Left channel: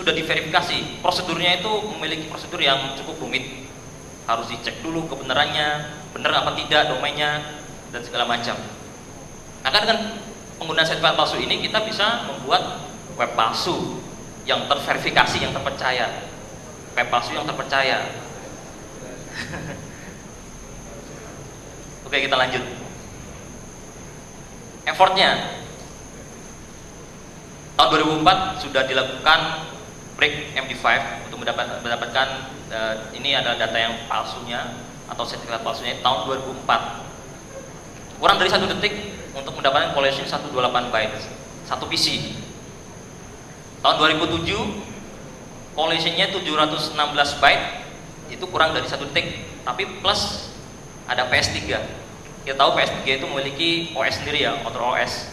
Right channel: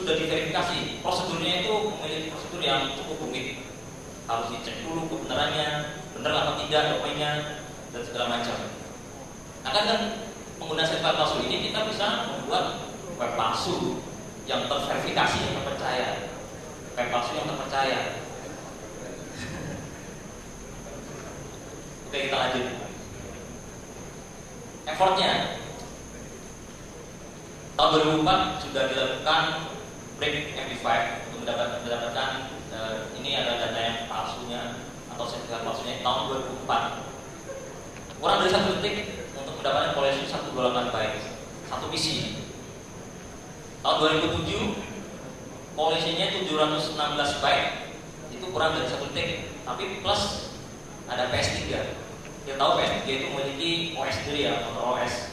sudah diverifikasi. Prosedurnya itu memiliki prosedur yang cukup rumit. Harus dicek dulu kebenarannya, benar apa tidak domainnya dan segala macam. Maka dengan penggunaan sertifikat palsu ini kita bisa membuat web palsu yang terverifikasi, yang terpercaya. Web palsu yang terpercaya. Oke, kita lanjut. Effortnya tahun 2004 sudah dilakukan break MD5 untuk mendapatkan ini adalah data yang palsunya atau sertifikat palsunya tahun 2004. Kurang dari 1 detik untuk mendapatkan collision 128 bytes, 1 PC. Tahun 2007 collisionnya 716 byte, itu kurang dari 1 detik, tapi plus ada PS3. Kita tahu PS3 itu memiliki OS sendiri ya, Control OS.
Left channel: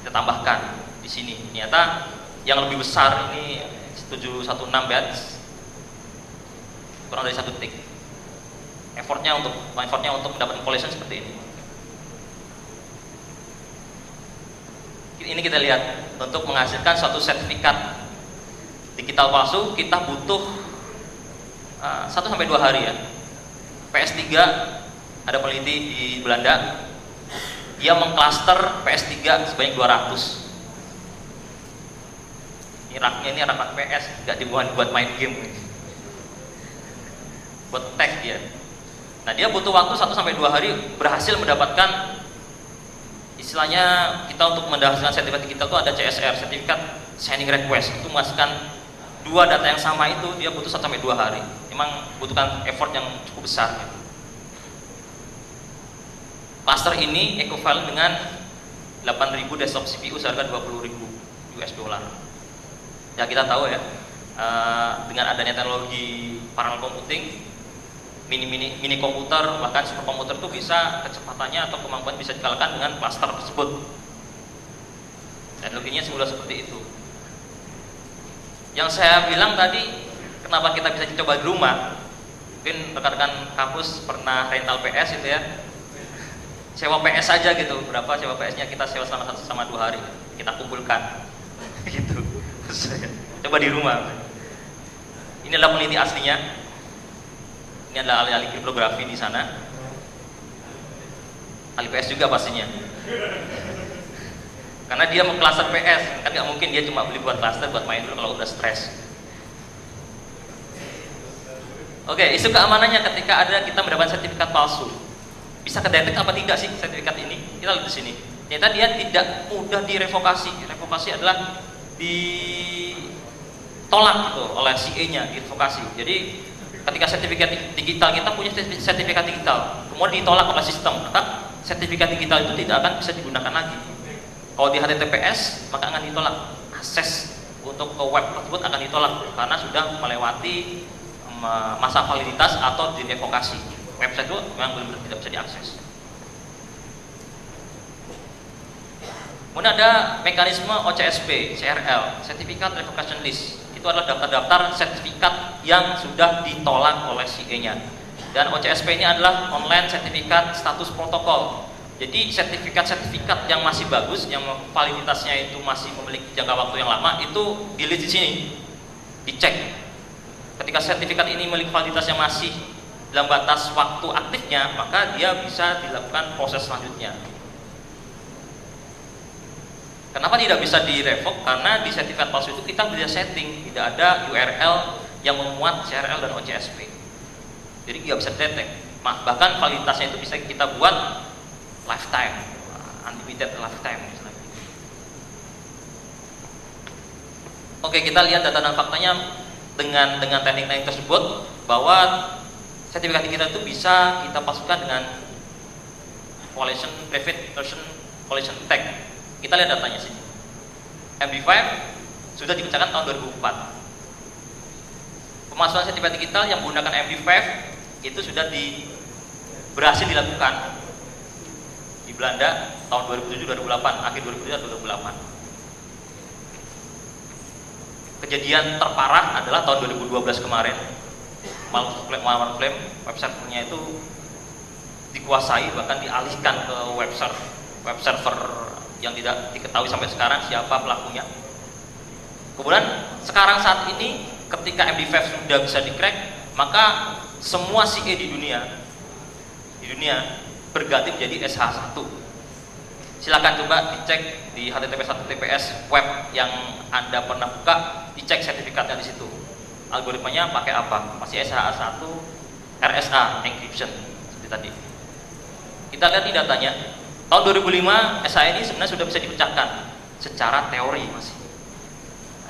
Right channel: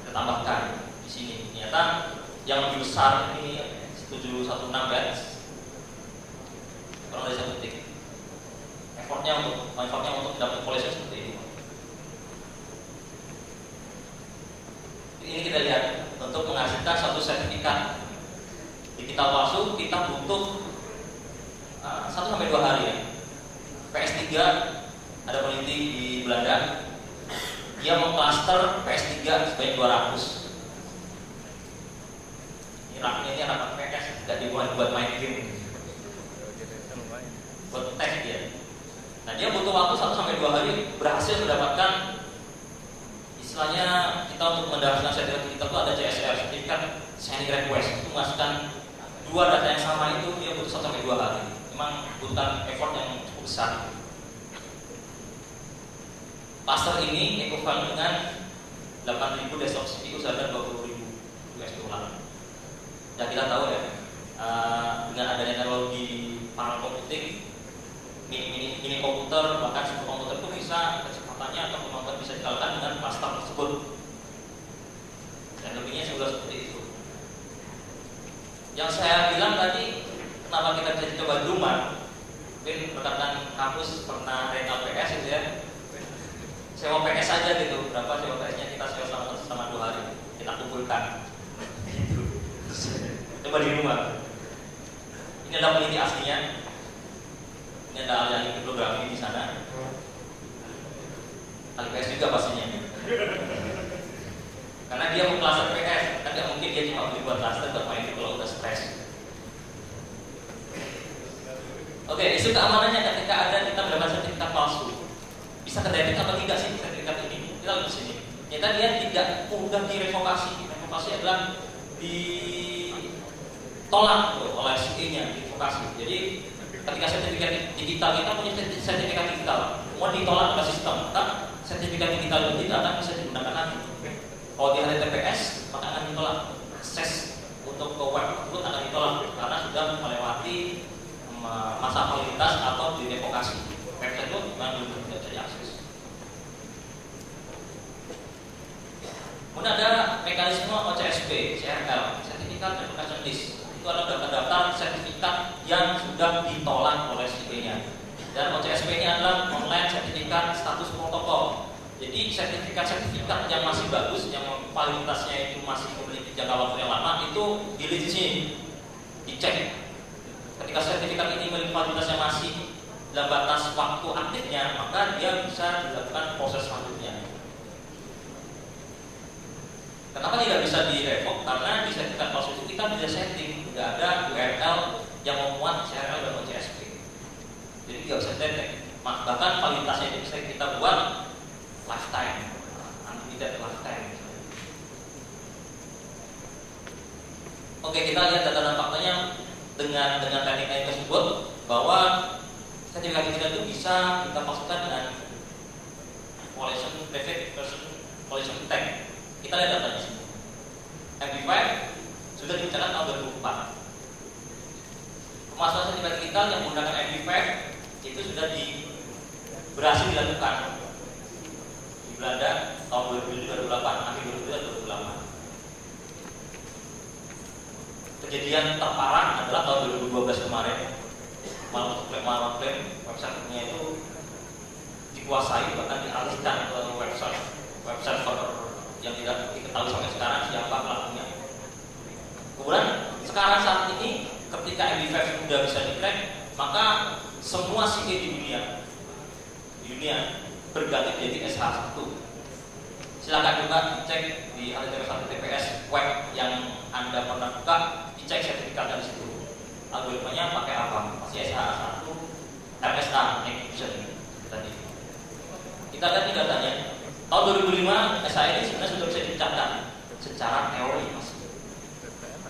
Kita tambahkan di sini. Ternyata yang lebih besar ini 716 bytes, kurang dari 1 detik. Effortnya untuk mendapatkan collision seperti ini. Ini kita lihat, untuk menghasilkan suatu sertifikat digital palsu kita butuh 1-2 hari ya. PS3 ada peneliti di Belanda, dia mengklaster PS3 sebanyak 200. Ini rak PS, nggak dibuat buat main game, buat tag dia. Nah, dia butuh waktu 1-2 hari berhasil mendapatkan, istilahnya kita untuk mendapatkan sertifikat digital itu ada CSR, sertifikat signing request, itu menghasilkan 2 data yang sama itu dia butuh 1-2 hari. Memang butuhkan effort yang cukup besar. Cluster ini equivalent dengan 8.000 desktop CPU seharga 20.000 US dollar. Ya, kita tahu ya, dengan adanya teknologi parallel computing, mini komputer bahkan super komputer itu bisa kecepatannya atau kemampuan bisa dikalahkan dengan cluster tersebut. Teknologinya sudah seperti itu. Yang saya bilang tadi, kenapa kita bisa coba di rumah? Mungkin rekan-rekan kampus pernah rental PS itu ya, sewa PS aja gitu. Berapa sewa PS-nya, kita sewa sama 2 hari, kita kumpulkan gitu. Coba di rumah. Ini adalah peneliti aslinya. Ini adalah ahli-ahli kriptografi di sana. Ahli PS juga pastinya. Karena dia mau cluster PS, kan nggak mungkin dia cuma beli buat cluster buat main kalau udah stres. Oke, isu keamanannya ketika kita mendapatkan sertifikat palsu. Bisa kedetek apa tidak sih sertifikat ini? Kita lihat di sini. Ternyata dia tidak mudah direvokasi. Revokasi adalah ditolak oleh CA-nya, direvokasi. Jadi ketika sertifikat digital, kita punya sertifikat digital, kemudian ditolak oleh sistem, maka sertifikat digital itu tidak akan bisa digunakan lagi. Kalau di HTTPS, maka akan ditolak. Akses untuk ke web tersebut akan ditolak karena sudah melewati masa validitas atau direvokasi. Website itu memang belum tidak bisa diakses. Kemudian ada mekanisme OCSP, CRL, Certificate Revocation List. Itu adalah daftar-daftar sertifikat yang sudah ditolak oleh CA-nya. Dan OCSP ini adalah online sertifikat status protokol. Jadi sertifikat-sertifikat yang masih bagus, yang validitasnya itu masih memiliki jangka waktu yang lama, itu dilihat di sini, dicek. Ketika sertifikat ini memiliki validitas yang masih dalam batas waktu aktifnya, maka dia bisa dilakukan proses selanjutnya. Kenapa tidak bisa direvok? Karena di sertifikat palsu itu kita bisa setting, tidak ada URL yang memuat CRL dan OCSP. Jadi nggak bisa detect. Bahkan validitasnya itu bisa kita buat lifetime, unlimited lifetime. Oke, kita lihat data dan faktanya dengan teknik-teknik tersebut, bahwa sertifikat kita itu bisa kita palsukan dengan collision private version collision tag. Kita lihat datanya sini. MD5 sudah dikerjakan tahun 2004. Pemasukan sertifikat digital yang menggunakan MD5 itu sudah berhasil dilakukan di Belanda tahun 2007-2008, akhir 2007-2008. Kejadian terparah adalah tahun 2012 kemarin. Malware claim websitenya itu dikuasai, bahkan dialihkan ke web server yang tidak diketahui sampai sekarang siapa pelakunya. Kemudian sekarang saat ini ketika MD5 sudah bisa di-crack, maka semua CA di dunia berganti menjadi SH1. Silakan coba dicek di https web yang Anda pernah buka, dicek sertifikatnya di situ. Algoritmanya pakai apa? Masih SH1 RSA encryption seperti tadi. Kita lihat di datanya. Tahun 2005 SH ini sebenarnya sudah bisa dipecahkan secara teori masih.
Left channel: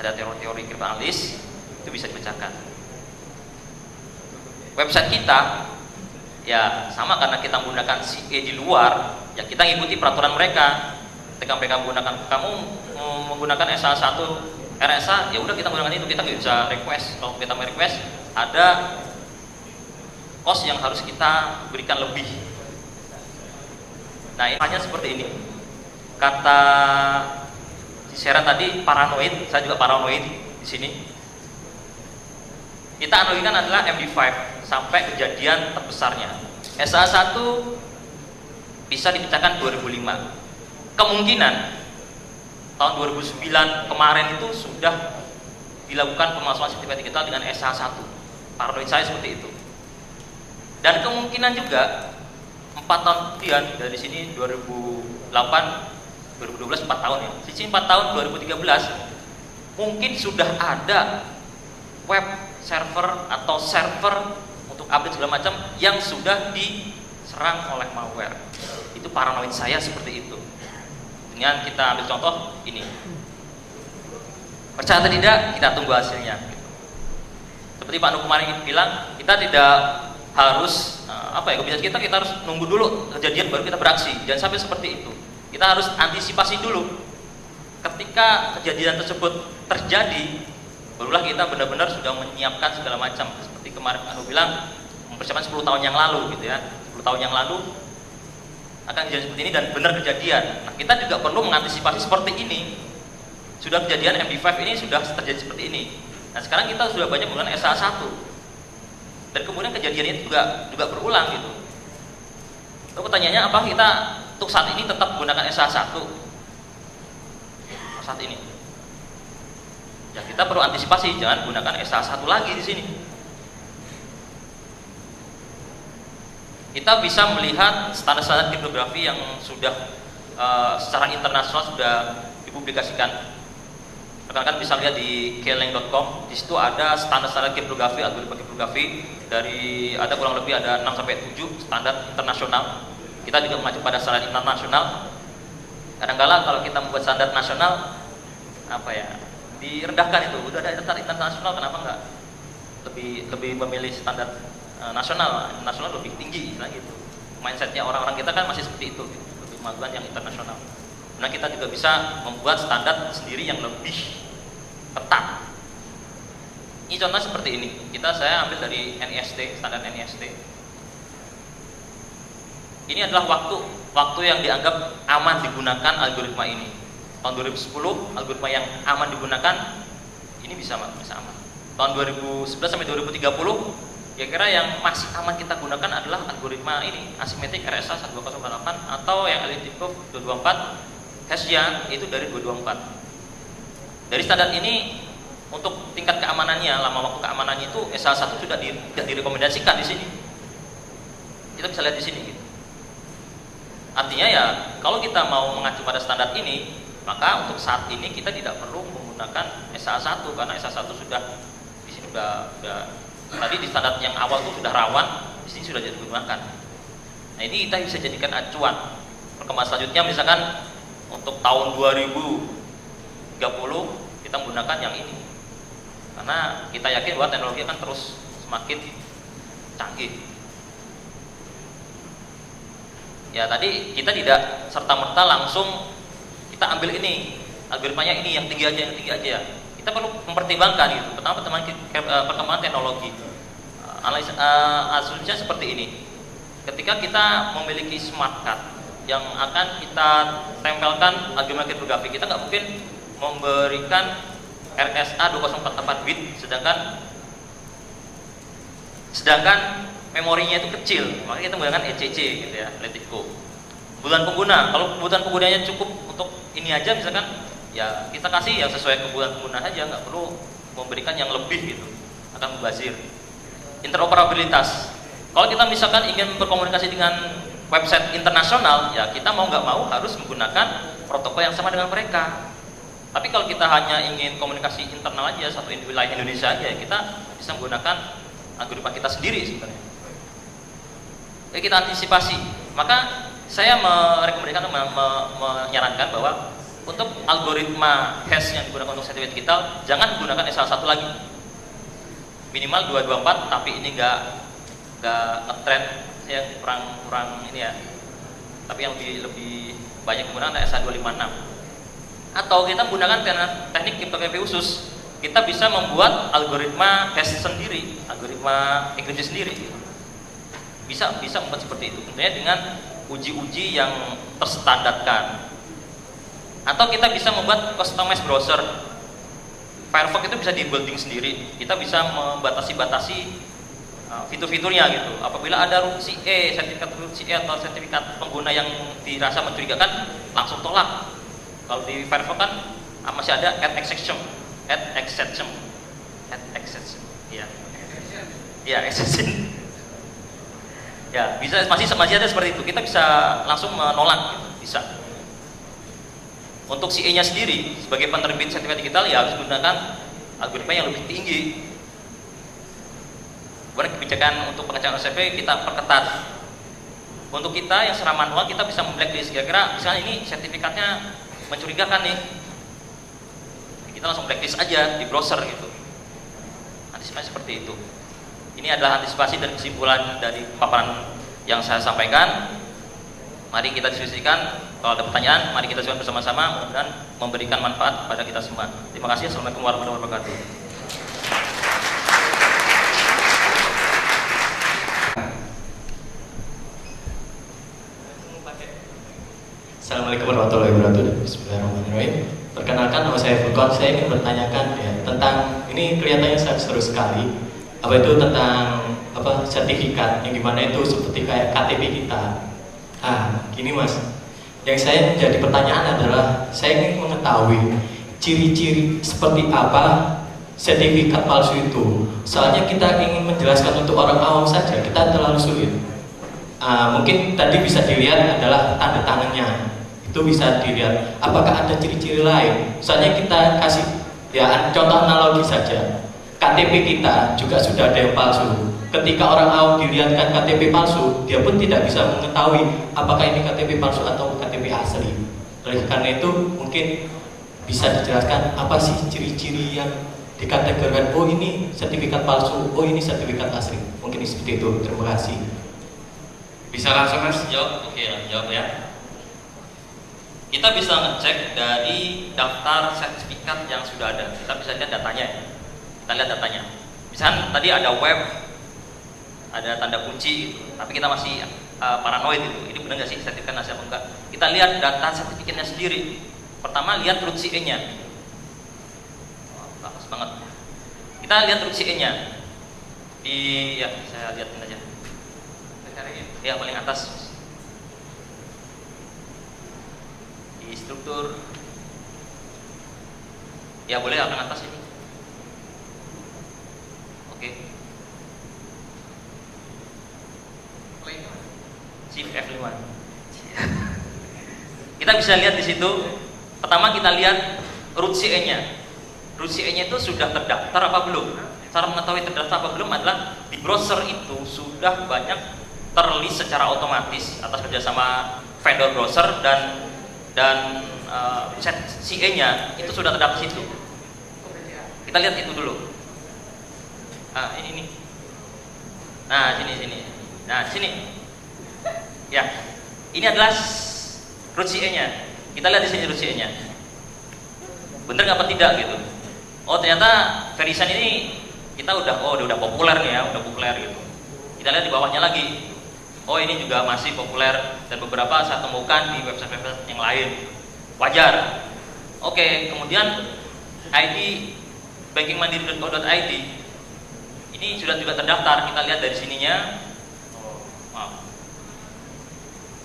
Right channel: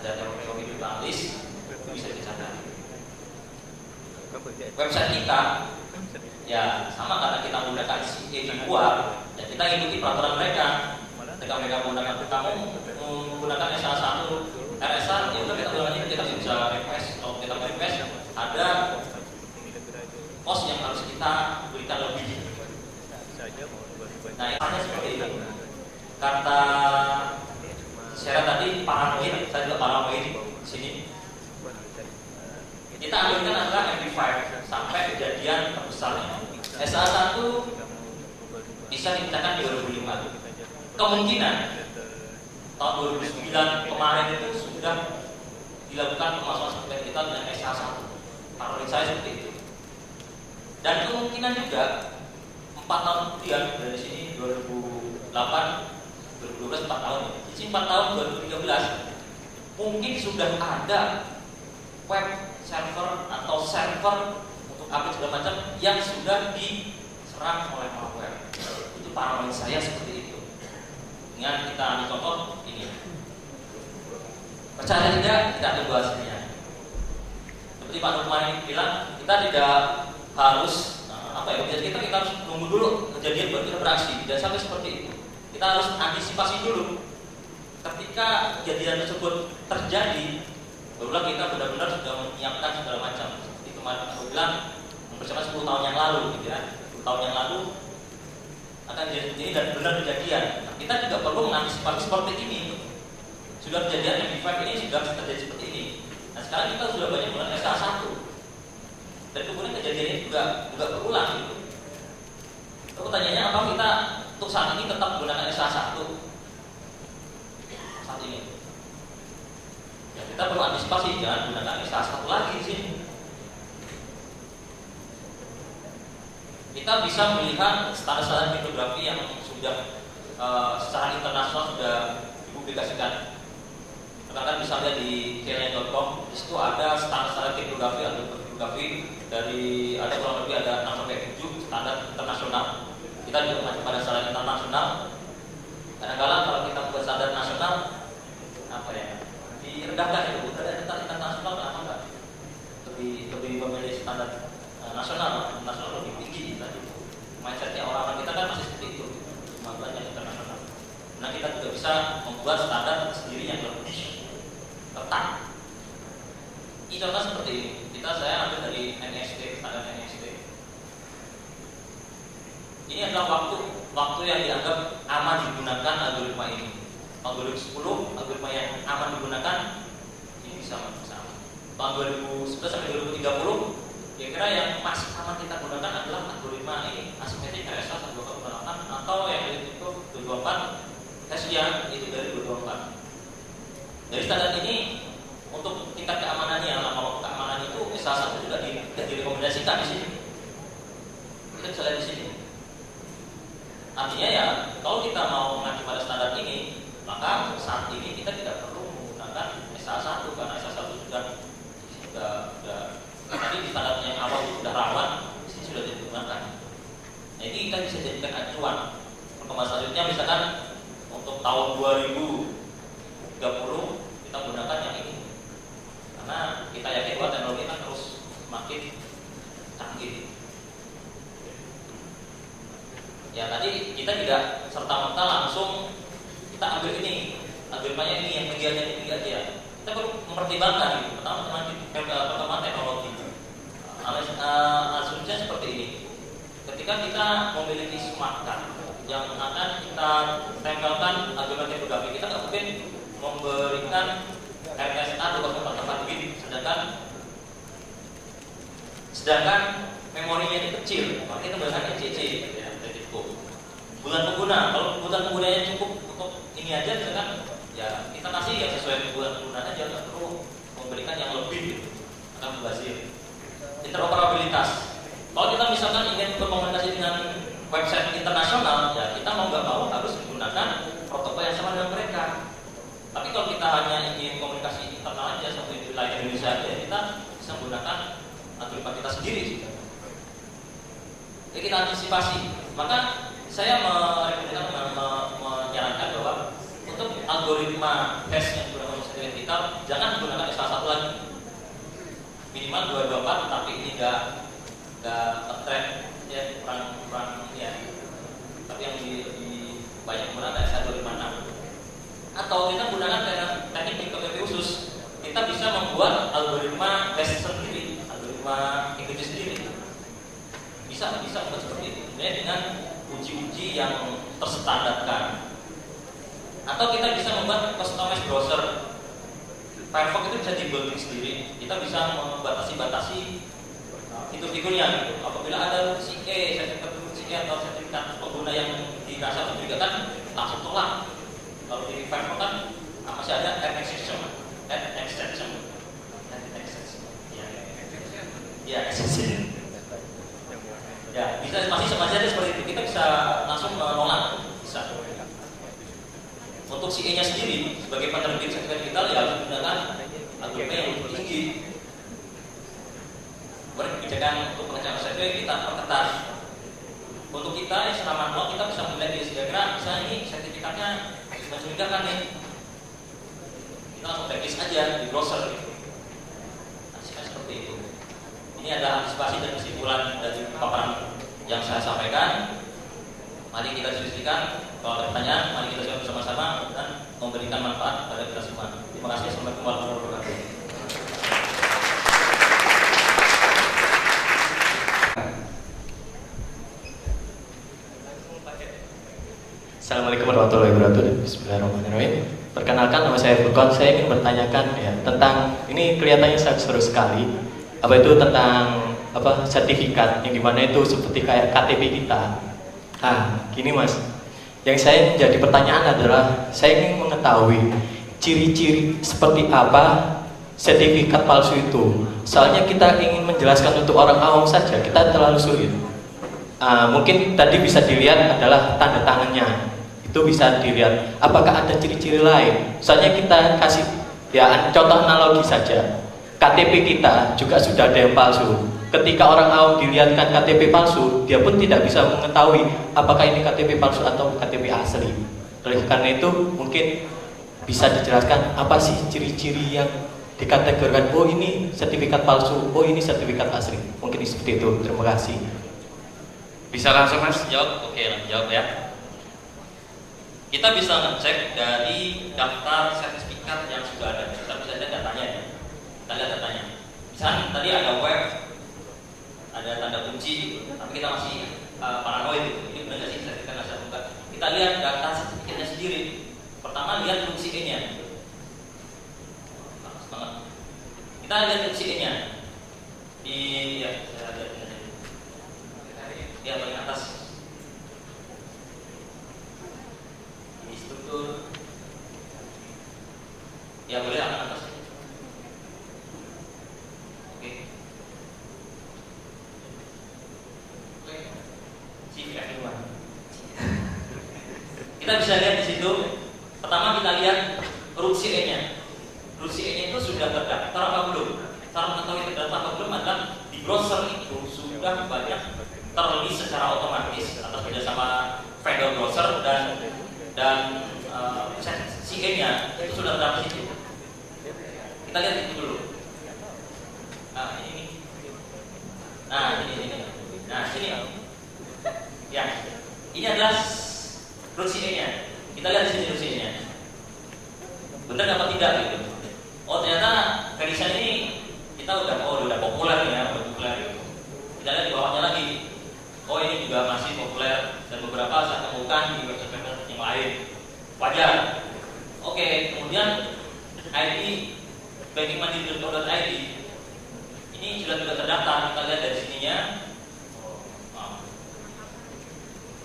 Ada teori kriptoanalis itu bisa dipecahkan. Website kita ya sama karena kita menggunakan CA di luar, ya kita ngikuti peraturan mereka. Ketika mereka menggunakan, kamu menggunakan SH1 RSA, ya udah kita menggunakan itu, kita bisa request. Kalau kita request, ada cost yang harus kita berikan lebih. Nah, ini hanya seperti ini. Kata Sarah tadi paranoid, saya juga paranoid di sini. Kita analogikan adalah MD5 sampai kejadian terbesarnya. SH1 bisa dipecahkan 2005. Kemungkinan tahun 2009 kemarin itu sudah dilakukan pemalsuan sertifikat digital dengan SH1. Paranoid saya seperti itu. Dan kemungkinan juga 4 tahun kemudian dari sini 2008, 2012 4 tahun ya. Sisi 4 tahun 2013 mungkin sudah ada web server atau server untuk update segala macam yang sudah diserang oleh malware. Itu paranoid saya seperti itu. Dengan kita ambil contoh ini. Percaya atau tidak, kita tunggu hasilnya. Seperti Pak Nur kemarin bilang, kita tidak harus kita harus nunggu dulu kejadian baru kita beraksi. Jangan sampai seperti itu. Kita harus antisipasi dulu. Ketika kejadian tersebut terjadi, barulah kita benar-benar sudah menyiapkan segala macam. Seperti kemarin aku bilang, mempersiapkan 10 tahun yang lalu gitu ya. 10 tahun yang lalu akan kejadian seperti ini dan benar kejadian. Nah, kita juga perlu mengantisipasi seperti ini. Sudah kejadian MD5 ini sudah terjadi seperti ini. Nah, sekarang kita sudah banyak menggunakan SH1. Dan kemudian kejadian ini juga berulang gitu. Lalu pertanyaannya, apa kita untuk saat ini tetap menggunakan SH1 saat ini? Ya, kita perlu antisipasi, jangan gunakan SH1 lagi di sini. Kita bisa melihat standar-standar kriptografi yang sudah secara internasional sudah dipublikasikan. Rekan-rekan bisa lihat di kleng.com. Di situ ada standar-standar kriptografi, algoritma kriptografi dari ada kurang lebih ada 6 sampai 7 standar internasional. Kita juga mengacu pada standar internasional. Kadang-kala kalau kita membuat standar nasional direndahkan itu. Udah ada standar internasional, kenapa enggak lebih memilih standar nasional? Nasional lebih tinggi nah gitu. Mindsetnya orang-orang kita kan masih seperti itu gitu, untuk melakukan yang internasional. Nah, kita juga bisa membuat standar sendiri yang lebih ketat. Ini contoh seperti ini. Saya ambil dari NIST, standar NIST. Ini adalah waktu yang dianggap aman digunakan algoritma ini. Tahun 2010 algoritma yang aman digunakan ini bisa aman. Tahun 2011 sampai 2030 kira-kira yang masih aman kita gunakan adalah algoritma ini, asimetrik RSA 12008 atau yang elliptical 224 Hashia itu dari 224. Dari standar ini untuk tingkat keamanannya, lama waktu keamanannya itu SH1 sudah tidak direkomendasikan di sini. Kita bisa lihat di sini. Artinya ya, kalau kita mau mengacu pada standar ini, maka untuk saat ini kita tidak perlu menggunakan SH1 karena SH1 sudah di sini sudah tadi di standar yang awal itu sudah rawan, di sini sudah digunakan. Nah, ini kita bisa jadikan acuan. Perkembangan selanjutnya misalkan untuk tahun 2030 kita menggunakan yang ini. Karena kita yakin bahwa teknologi akan terus semakin canggih. Ya, tadi kita tidak serta-merta langsung kita ambil ini, algoritmanya ini yang tinggi aja. Kita perlu mempertimbangkan itu. Pertama, perkembangan teknologi. Asumsinya seperti ini. Ketika kita memiliki smart card yang akan kita tempelkan algoritma kriptografi, kita nggak mungkin memberikan RSA 2044 bit, sedangkan memorinya itu kecil, maka kita menggunakan ECC gitu ya, Letico. Kebutuhan pengguna, kalau kebutuhan penggunanya cukup untuk ini aja, misalkan ya kita kasih yang sesuai kebutuhan pengguna saja, nggak perlu memberikan yang lebih gitu, akan membazir. Interoperabilitas, kalau kita misalkan ingin berkomunikasi dengan website internasional, ya kita mau nggak mau harus menggunakan protokol yang sama dengan mereka. Tapi kalau kita hanya ingin komunikasi internal aja, satu wilayah Indonesia aja, ya kita bisa menggunakan algoritma kita sendiri sebenarnya. Jadi kita antisipasi. Maka saya merekomendasikan, menyarankan bahwa untuk algoritma hash yang digunakan untuk sertifikat digital, jangan gunakan salah satu lagi. Minimal 224, tapi ini nggak nge-trend ya, kurang ini ya. Tapi yang lebih banyak menggunakan SA256. Atau kita menggunakan teknik kriptografi khusus, kita bisa membuat algoritma hash sendiri, algoritma enkripsi sendiri. Bisa membuat seperti itu, dengan uji-uji yang terstandarkan. Atau kita bisa membuat customized browser. Firefox itu bisa di-building sendiri. Kita bisa membatasi fitur-fiturnya gitu. Apabila ada root CA, sertifikat root CA atau sertifikat pengguna yang dirasa mencurigakan, langsung tolak. Kalau di Firefox kan masih ada add exception, ya exception. Ya, bisa masih ada seperti itu. Kita bisa langsung menolak, bisa. Untuk CA-nya sendiri sebagai penerbit sertifikat digital ya harus menggunakan algoritma yang lebih tinggi. Kebijakan untuk pengecekan OCP kita perketat. Untuk kita yang secara manual kita bisa memblacklist, kira-kira misalnya ini sertifikatnya mencurigakan nih, kita langsung blacklist aja di browser gitu. Antisipasi seperti itu. Ini adalah antisipasi dan kesimpulan dari paparan yang saya sampaikan. Mari kita diskusikan. Kalau ada pertanyaan, mari kita diskusikan bersama-sama dan memberikan manfaat pada kita semua. Terima kasih. Assalamualaikum warahmatullahi wabarakatuh. Assalamualaikum warahmatullahi wabarakatuh. Bismillahirrahmanirrahim. Perkenalkan, nama saya Furqan. Saya ingin bertanyakan ya tentang ini, kelihatannya sangat seru sekali. Apa itu tentang sertifikat yang dimana itu seperti kayak KTP kita. Gini Mas, yang saya menjadi pertanyaan adalah saya ingin mengetahui ciri-ciri seperti apa sertifikat palsu itu. Soalnya kita ingin menjelaskan untuk orang awam saja, kita terlalu sulit. Mungkin tadi bisa dilihat adalah tanda tangannya. Itu bisa dilihat. Apakah ada ciri-ciri lain? Soalnya kita kasih ya contoh analogi saja. KTP kita juga sudah ada yang palsu. Ketika orang awam dilihatkan KTP palsu, dia pun tidak bisa mengetahui apakah ini KTP palsu atau KTP asli. Oleh karena itu mungkin bisa dijelaskan apa sih ciri-ciri yang dikategorikan, oh ini sertifikat palsu, oh ini sertifikat asli. Mungkin seperti itu. Terima kasih. Bisa langsung Mas jawab? Oke, langsung jawab ya. Kita bisa ngecek dari daftar sertifikat yang sudah ada. Kita bisa lihat datanya. Kita lihat datanya. Misalnya tadi ada web, ada tanda kunci gitu. Tapi kita masih paranoid gitu. Ini benar nggak sih sertifikat asli atau enggak? Kita lihat data sertifikatnya sendiri. Pertama lihat root CA-nya. Bagus banget. Kita lihat root CA-nya. Saya lihat aja. Ya, paling atas. Di struktur. Ya, boleh akan atas ini. Oke. Shift F5. Kita bisa lihat di situ. Pertama kita lihat root CA-nya. Root CA-nya itu sudah terdaftar apa belum? Cara mengetahui terdaftar apa belum adalah di browser itu sudah banyak terlist secara otomatis atas kerjasama vendor browser dan CA-nya itu sudah terdaftar situ. Kita lihat itu dulu. Ini. Nah, sini. Nah, sini. Ya. Ini adalah root CA-nya. Kita lihat di sini root CA-nya. Bener apa tidak gitu. Oh, ternyata Verisign ini kita udah populer nih ya, udah populer gitu. Kita lihat di bawahnya lagi. Oh, ini juga masih populer dan beberapa saya temukan di website-website yang lain. Wajar. Oke, kemudian ID bankingmandiri.co.id ini sudah juga terdaftar. Kita lihat dari sininya.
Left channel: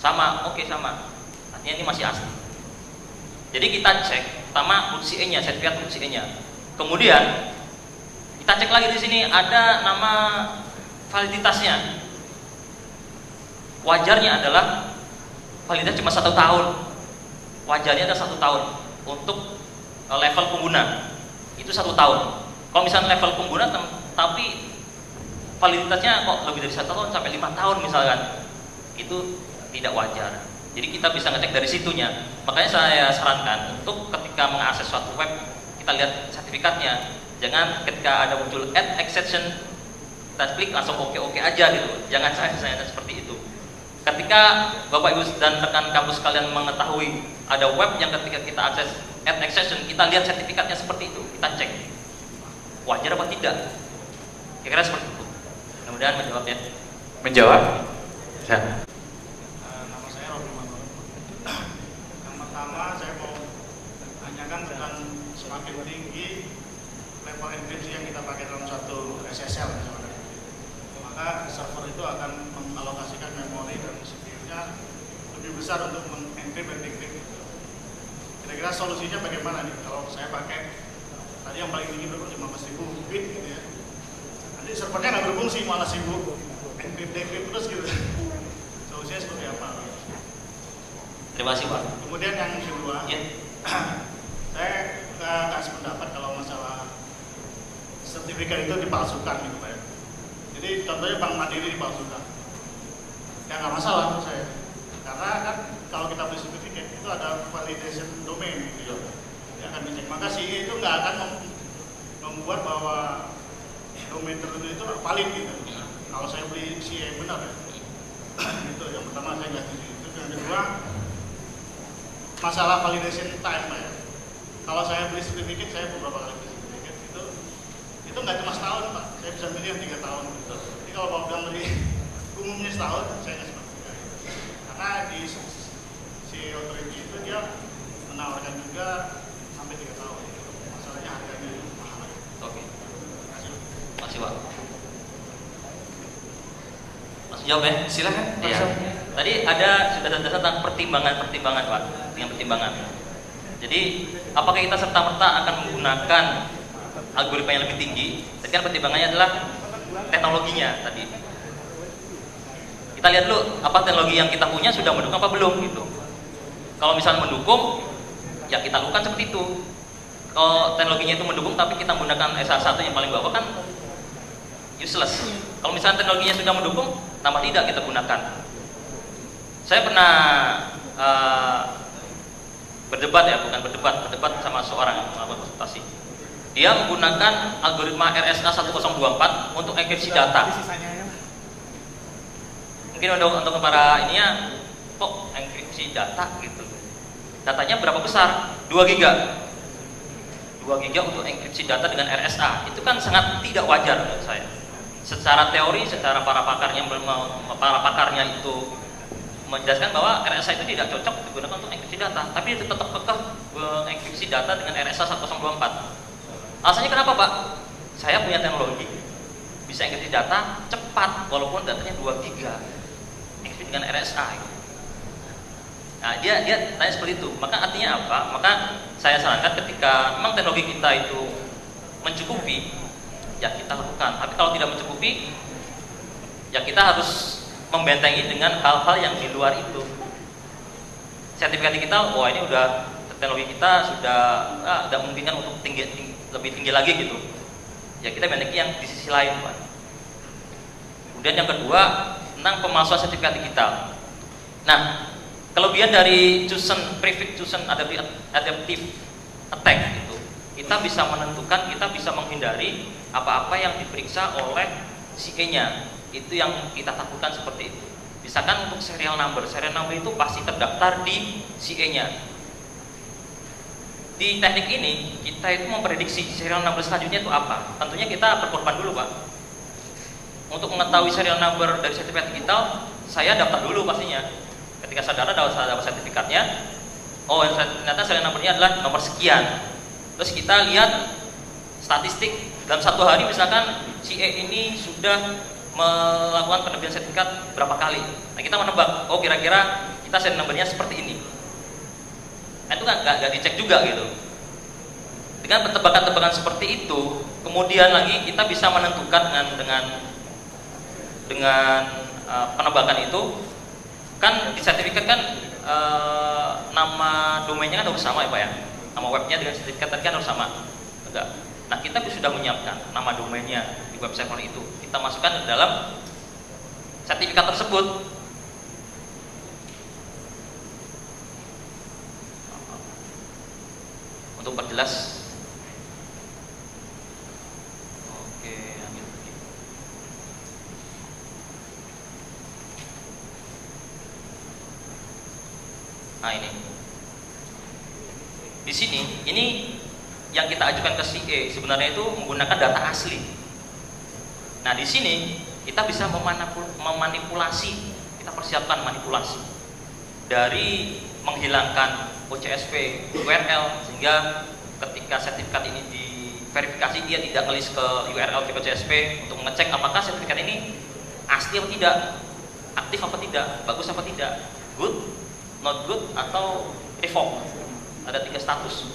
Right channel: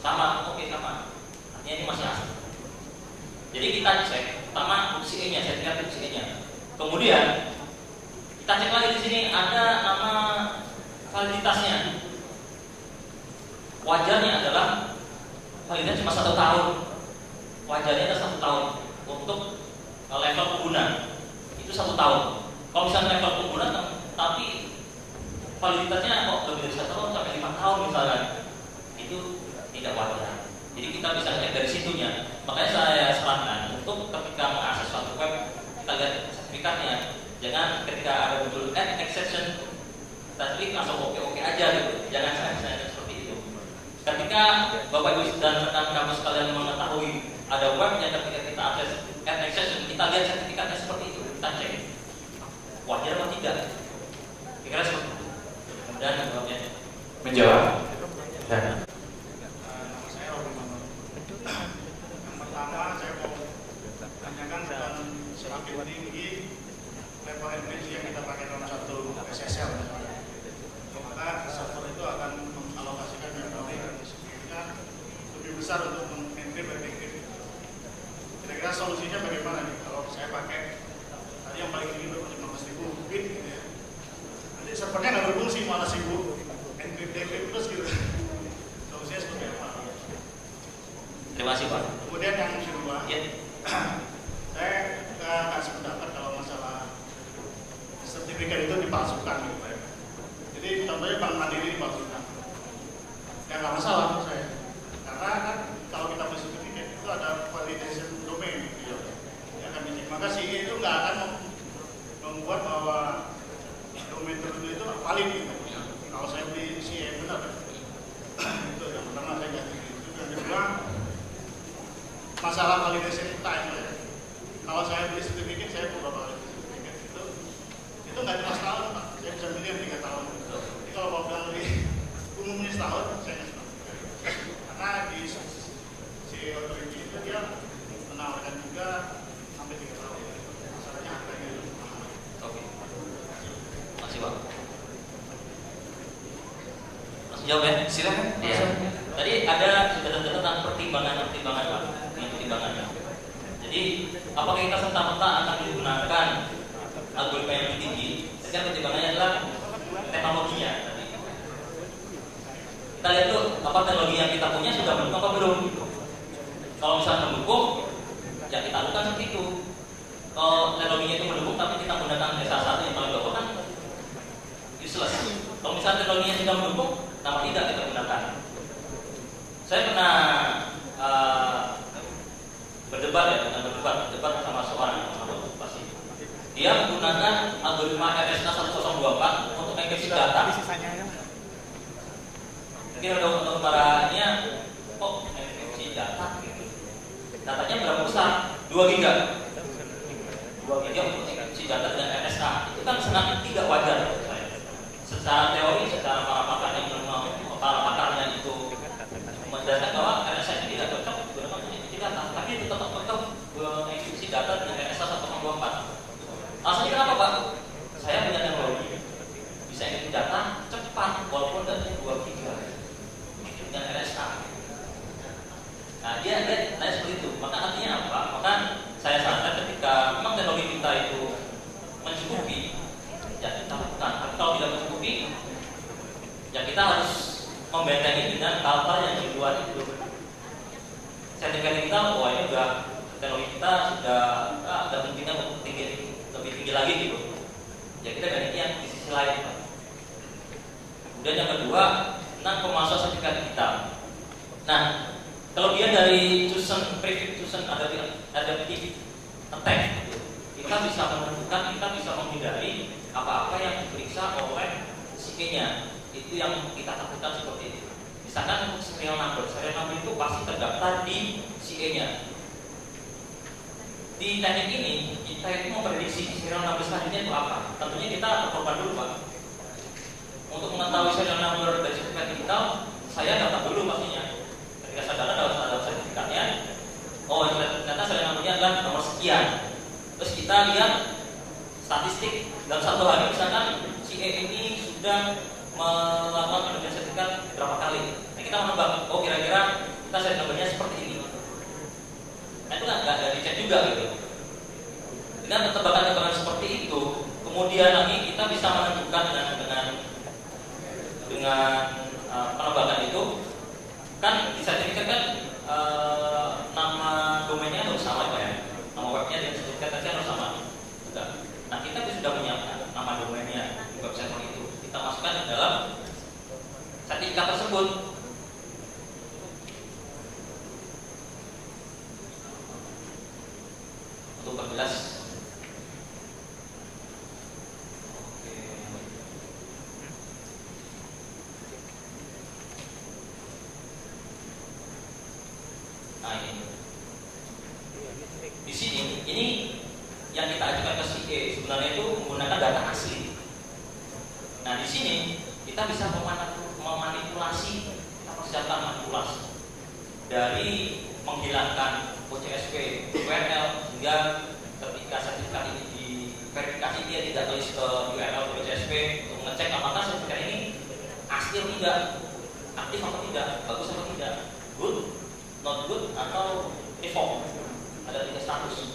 Sama, oke sama. Artinya ini masih asli. Jadi kita cek pertama root CE-nya, sertifikat root CE-nya. Kemudian kita cek lagi di sini ada nama validitasnya. Wajarnya adalah validitas cuma 1 tahun. Wajarnya ada 1 tahun untuk level pengguna. Itu 1 tahun. Kalau misalnya level pengguna tapi validitasnya kok lebih dari 1 tahun sampai 5 tahun misalkan, itu tidak wajar. Jadi kita bisa ngecek dari situnya. Makanya saya sarankan untuk ketika mengakses suatu web, kita lihat sertifikatnya. Jangan ketika ada muncul add exception, kita klik langsung oke aja gitu. Jangan saya seperti itu. Ketika Bapak Ibu dan rekan kampus kalian mengetahui ada web yang ketika kita akses add exception, kita lihat sertifikatnya seperti itu, kita cek wajar apa tidak. Kira-kira seperti itu. Mudah-mudahan menjawabnya. Menjawab? Ya. Nama saya Robi Mangun. Yang pertama saya mau tanyakan tentang semakin tinggi level enkripsi yang kita pakai dalam satu SSL misalnya. Maka server itu akan mengalokasikan memori dan CPU-nya lebih besar untuk mengenkrip dan dekrip. Kira-kira solusinya bagaimana nih? Kalau saya pakai tadi yang paling tinggi berapa 15.000 bit gitu ya. Nanti servernya nggak berfungsi, malah sibuk enkrip dekrip terus gitu. Solusinya seperti apa? Terima kasih Pak. Kemudian yang kedua, Ya. saya nggak sependapat kalau masalah sertifikat itu dipalsukan gitu Pak. Jadi contohnya Bank Mandiri dipalsukan, ya nggak masalah menurut saya. Karena kan kalau kita beli sertifikat itu ada validation domain gitu ya, yang akan dicek. Maka CE itu nggak akan membuat bahwa domain tertentu itu valid gitu. Kalau saya beli CE benar ya. Itu yang pertama saya nggak setuju. Itu yang kedua, masalah validation time ya. Kalau saya beli sertifikat, saya beberapa kali beli sertifikat itu nggak cuma setahun Pak. Saya bisa beli yang 3 tahun. Jadi kalau mau bilang lebih umumnya setahun, saya nggak sepakat. Karena di si authority itu dia menawarkan juga sampai 3 tahun. Masalahnya harganya itu mahal. Oke. Masih Pak. Masih jawab ya? Silakan. Iya. Tadi ada sudah tentang pertimbangan Pak, yang pertimbangan. Jadi apakah kita serta-merta akan menggunakan algoritma yang lebih tinggi? Tapi kan pertimbangannya adalah teknologinya tadi. Kita lihat dulu apa teknologi yang kita punya sudah mendukung apa belum gitu. Kalau misalnya mendukung, ya kita lakukan seperti itu. Kalau teknologinya itu mendukung tapi kita menggunakan SH1 yang paling bawah kan useless. Kalau misalnya teknologinya sudah mendukung, nama tidak kita gunakan. Saya pernah berdebat sama seorang konsultasi. Dia menggunakan algoritma RSA 1024 untuk enkripsi data. Mungkin untuk para ininya, kok enkripsi data gitu. Datanya berapa besar? 2 giga. 2 giga untuk enkripsi data dengan RSA. Itu kan sangat tidak wajar menurut saya. Secara teori, secara para pakarnya itu menjelaskan bahwa RSA itu tidak cocok digunakan untuk enkripsi data, tapi itu tetap enkripsi data dengan RSA 1024. Alasannya kenapa Pak? Saya punya teknologi bisa enkripsi data cepat walaupun datanya 2 giga dengan RSA. Nah dia tanya seperti itu. Maka artinya apa? Maka saya sarankan ketika memang teknologi kita itu mencukupi, ya kita lakukan. Tapi kalau tidak mencukupi, ya kita harus membentengi dengan hal-hal yang di luar itu. Sertifikat kita, wah ini udah teknologi kita sudah memungkinkan untuk lebih tinggi lagi gitu. Ya kita bentengi yang di sisi lain Pak. Kemudian yang kedua tentang pemalsuan sertifikat digital. Nah, kelebihan dari prefix chosen adaptive attack gitu, kita bisa menentukan, kita bisa menghindari apa-apa yang diperiksa oleh CE-nya. Itu yang kita takutkan seperti itu. Misalkan untuk serial number itu pasti terdaftar di CE-nya. Di teknik ini kita itu memprediksi serial number selanjutnya itu apa. Tentunya kita berkorban dulu Pak. Untuk mengetahui serial number dari sertifikat digital, saya daftar dulu pastinya. Ketika saya dapat sertifikatnya, oh ternyata serial numbernya adalah nomor sekian. Terus kita lihat statistik dalam 1 hari misalkan CE ini sudah melakukan penerbitan sertifikat berapa kali. Nah kita menebak, oh kira-kira kita serial numbernya seperti ini. Nah itu kan nggak dicek juga gitu. Dengan tebakan-tebakan seperti itu, kemudian lagi kita bisa menentukan dengan penebakan itu, kan di sertifikat kan nama domainnya kan harus sama ya Pak ya, nama webnya dengan sertifikat tadi kan harus sama. Enggak. Nah kita sudah menyiapkan nama domainnya di web server itu, kita masukkan ke dalam sertifikat tersebut. Untuk perjelas. Oke. Nah ini. Di sini ini yang kita ajukan ke CA sebenarnya itu menggunakan data asli. Nah di sini kita bisa memanipulasi, kita persiapkan manipulasi dari menghilangkan OCSP URL sehingga ketika sertifikat ini diverifikasi dia tidak ngelis ke URL di OCSP untuk mengecek apakah sertifikat ini asli atau tidak, aktif apa tidak, bagus apa tidak, good, not good, atau revoke. Ada 3 status.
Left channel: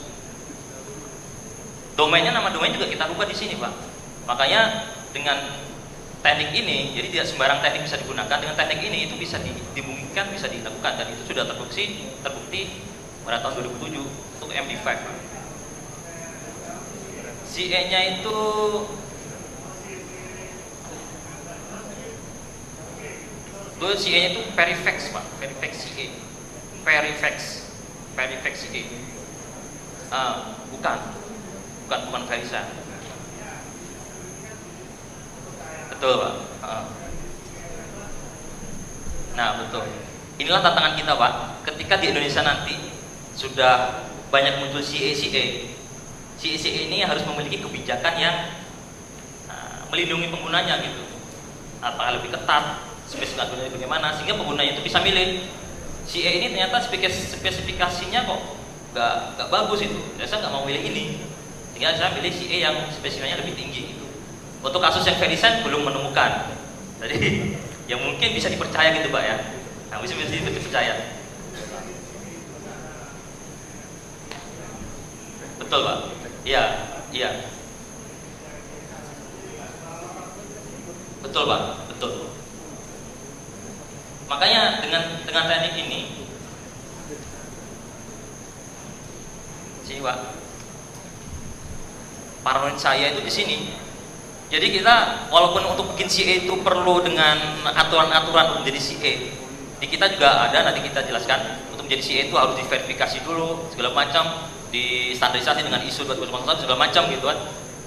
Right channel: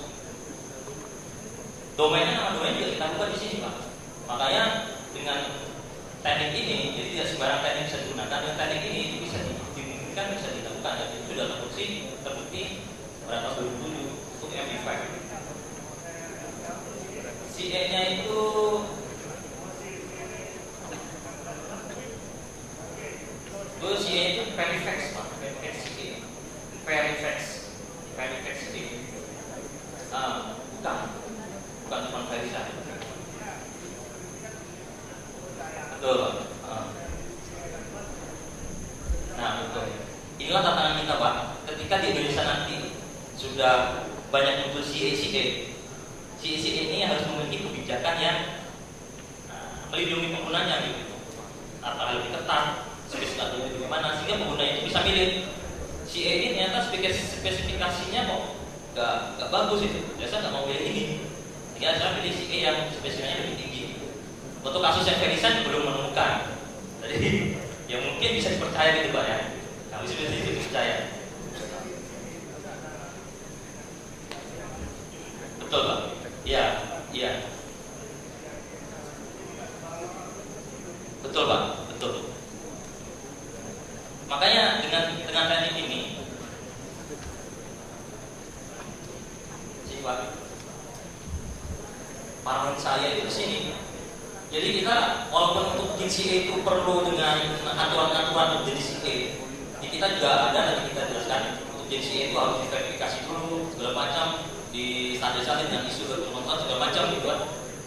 Domainnya, nama domain juga kita buka di sini Pak. Makanya dengan teknik ini, jadi tidak sembarang teknik bisa digunakan. Dengan teknik ini itu bisa dimungkinkan, bisa dilakukan, dan itu sudah terbukti pada tahun 2007 untuk MD5. CA-nya itu CA-nya itu Verifax Pak, Verifax CA, Verifax CA. Bukan Verisa. Betul Pak. Nah betul. Inilah tantangan kita Pak. Ketika di Indonesia nanti sudah banyak muncul CA ini harus memiliki kebijakan yang melindungi penggunanya gitu. Apakah lebih ketat, spesifikasinya bagaimana, sehingga pengguna itu bisa milih. CA ini ternyata spesifikasinya kok nggak bagus itu. Saya nggak mau pilih ini. Tinggal saya pilih CA yang spesifikasinya lebih tinggi gitu. Untuk kasus yang Verisign belum menemukan. Jadi yang mungkin bisa dipercaya gitu Pak ya. Nah, bisa dipercaya. Betul Pak. Iya. Betul Pak, betul. Makanya dengan teknik ini, sini Pak, paranoid saya itu di sini. Jadi kita walaupun untuk bikin CA itu perlu dengan aturan-aturan untuk jadi CA, di kita juga ada, nanti kita jelaskan. Untuk jadi CA itu harus diverifikasi dulu segala macam, distandarisasi dengan ISO 2019 segala macam gitu kan.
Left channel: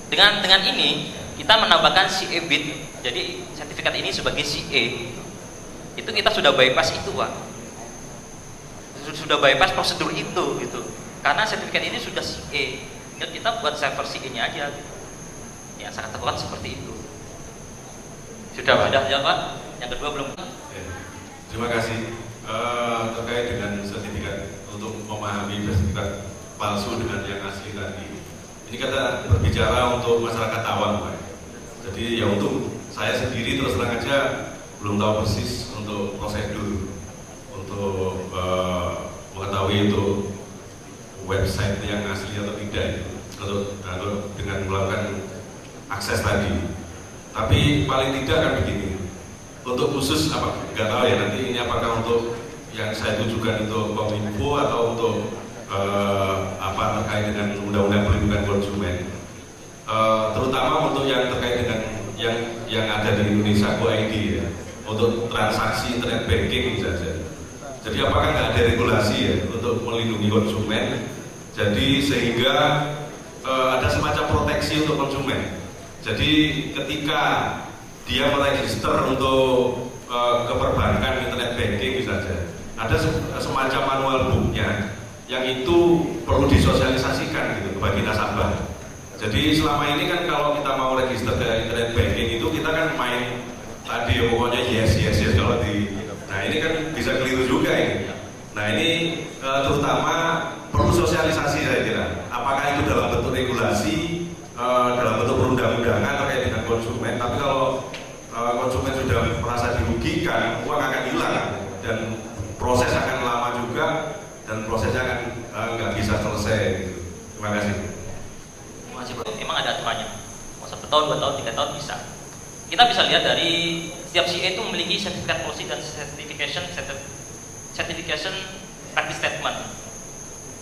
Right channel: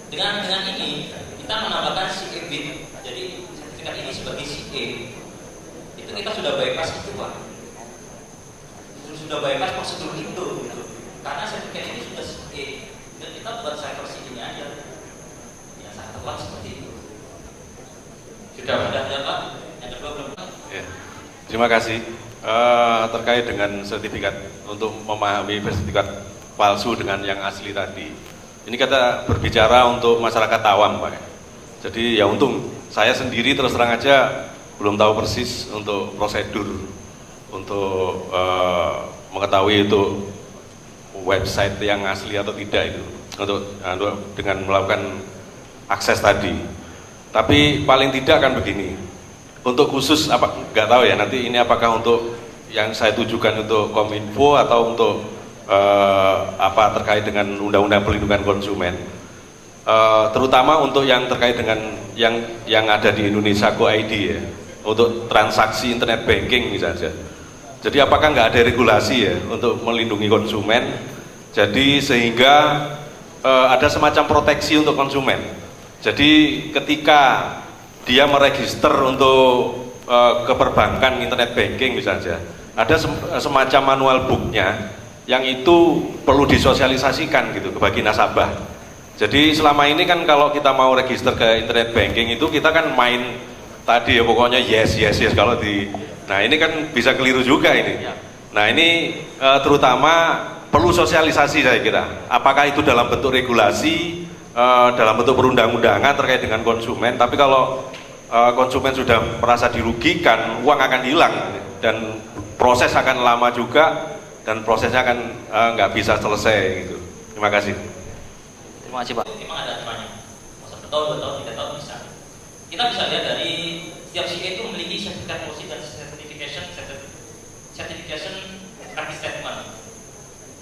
Dengan ini kita menambahkan CA bit. Jadi sertifikat ini sebagai CA itu kita sudah bypass itu Pak. Sudah bypass prosedur itu gitu. Karena sertifikat ini sudah CA, dan kita buat server CA-nya aja. Yang sangat tepat seperti itu. Sudah ya Pak. Yang kedua belum. Ya. Terima kasih. Terkait dengan sertifikat, untuk memahami sertifikat palsu dengan yang asli tadi, ini kita berbicara untuk masyarakat awam Pak. Jadi ya untuk saya sendiri terus terang aja belum tahu persis untuk prosedur untuk mengetahui itu website yang asli atau tidak itu untuk dengan melakukan akses tadi. Tapi paling tidak kan begini, untuk khusus apa nggak tahu ya nanti ini apakah untuk yang saya tujukan untuk Kominfo atau untuk apa terkait dengan Undang-Undang Perlindungan Konsumen, terutama untuk yang terkait dengan yang ada di Indonesia Go ID ya, untuk transaksi internet banking saja. Jadi apakah nggak ada regulasi ya untuk melindungi konsumen? Jadi sehingga ada semacam proteksi untuk konsumen. Jadi ketika dia meregister untuk ke perbankan internet banking misalnya, ada semacam manual booknya yang itu perlu disosialisasikan gitu bagi nasabah. Jadi selama ini kan kalau kita mau register ke internet banking itu kita kan main tadi ya pokoknya yes kalau di. Nah ini kan bisa keliru juga ini. Nah ini terutama perlu sosialisasi saya kira. Apakah itu dalam bentuk regulasi, dalam bentuk perundang-undangan terkait dengan konsumen. Tapi kalau konsumen sudah merasa dirugikan, uang akan hilang dan proses akan lama juga dan prosesnya akan nggak bisa selesai gitu. Terima kasih. Terima kasih Pak. Memang ada aturannya. Mau 1 tahun, 2 tahun, 3 tahun bisa. Kita bisa lihat dari setiap CA itu memiliki sertifikat policy dan certification practice statement.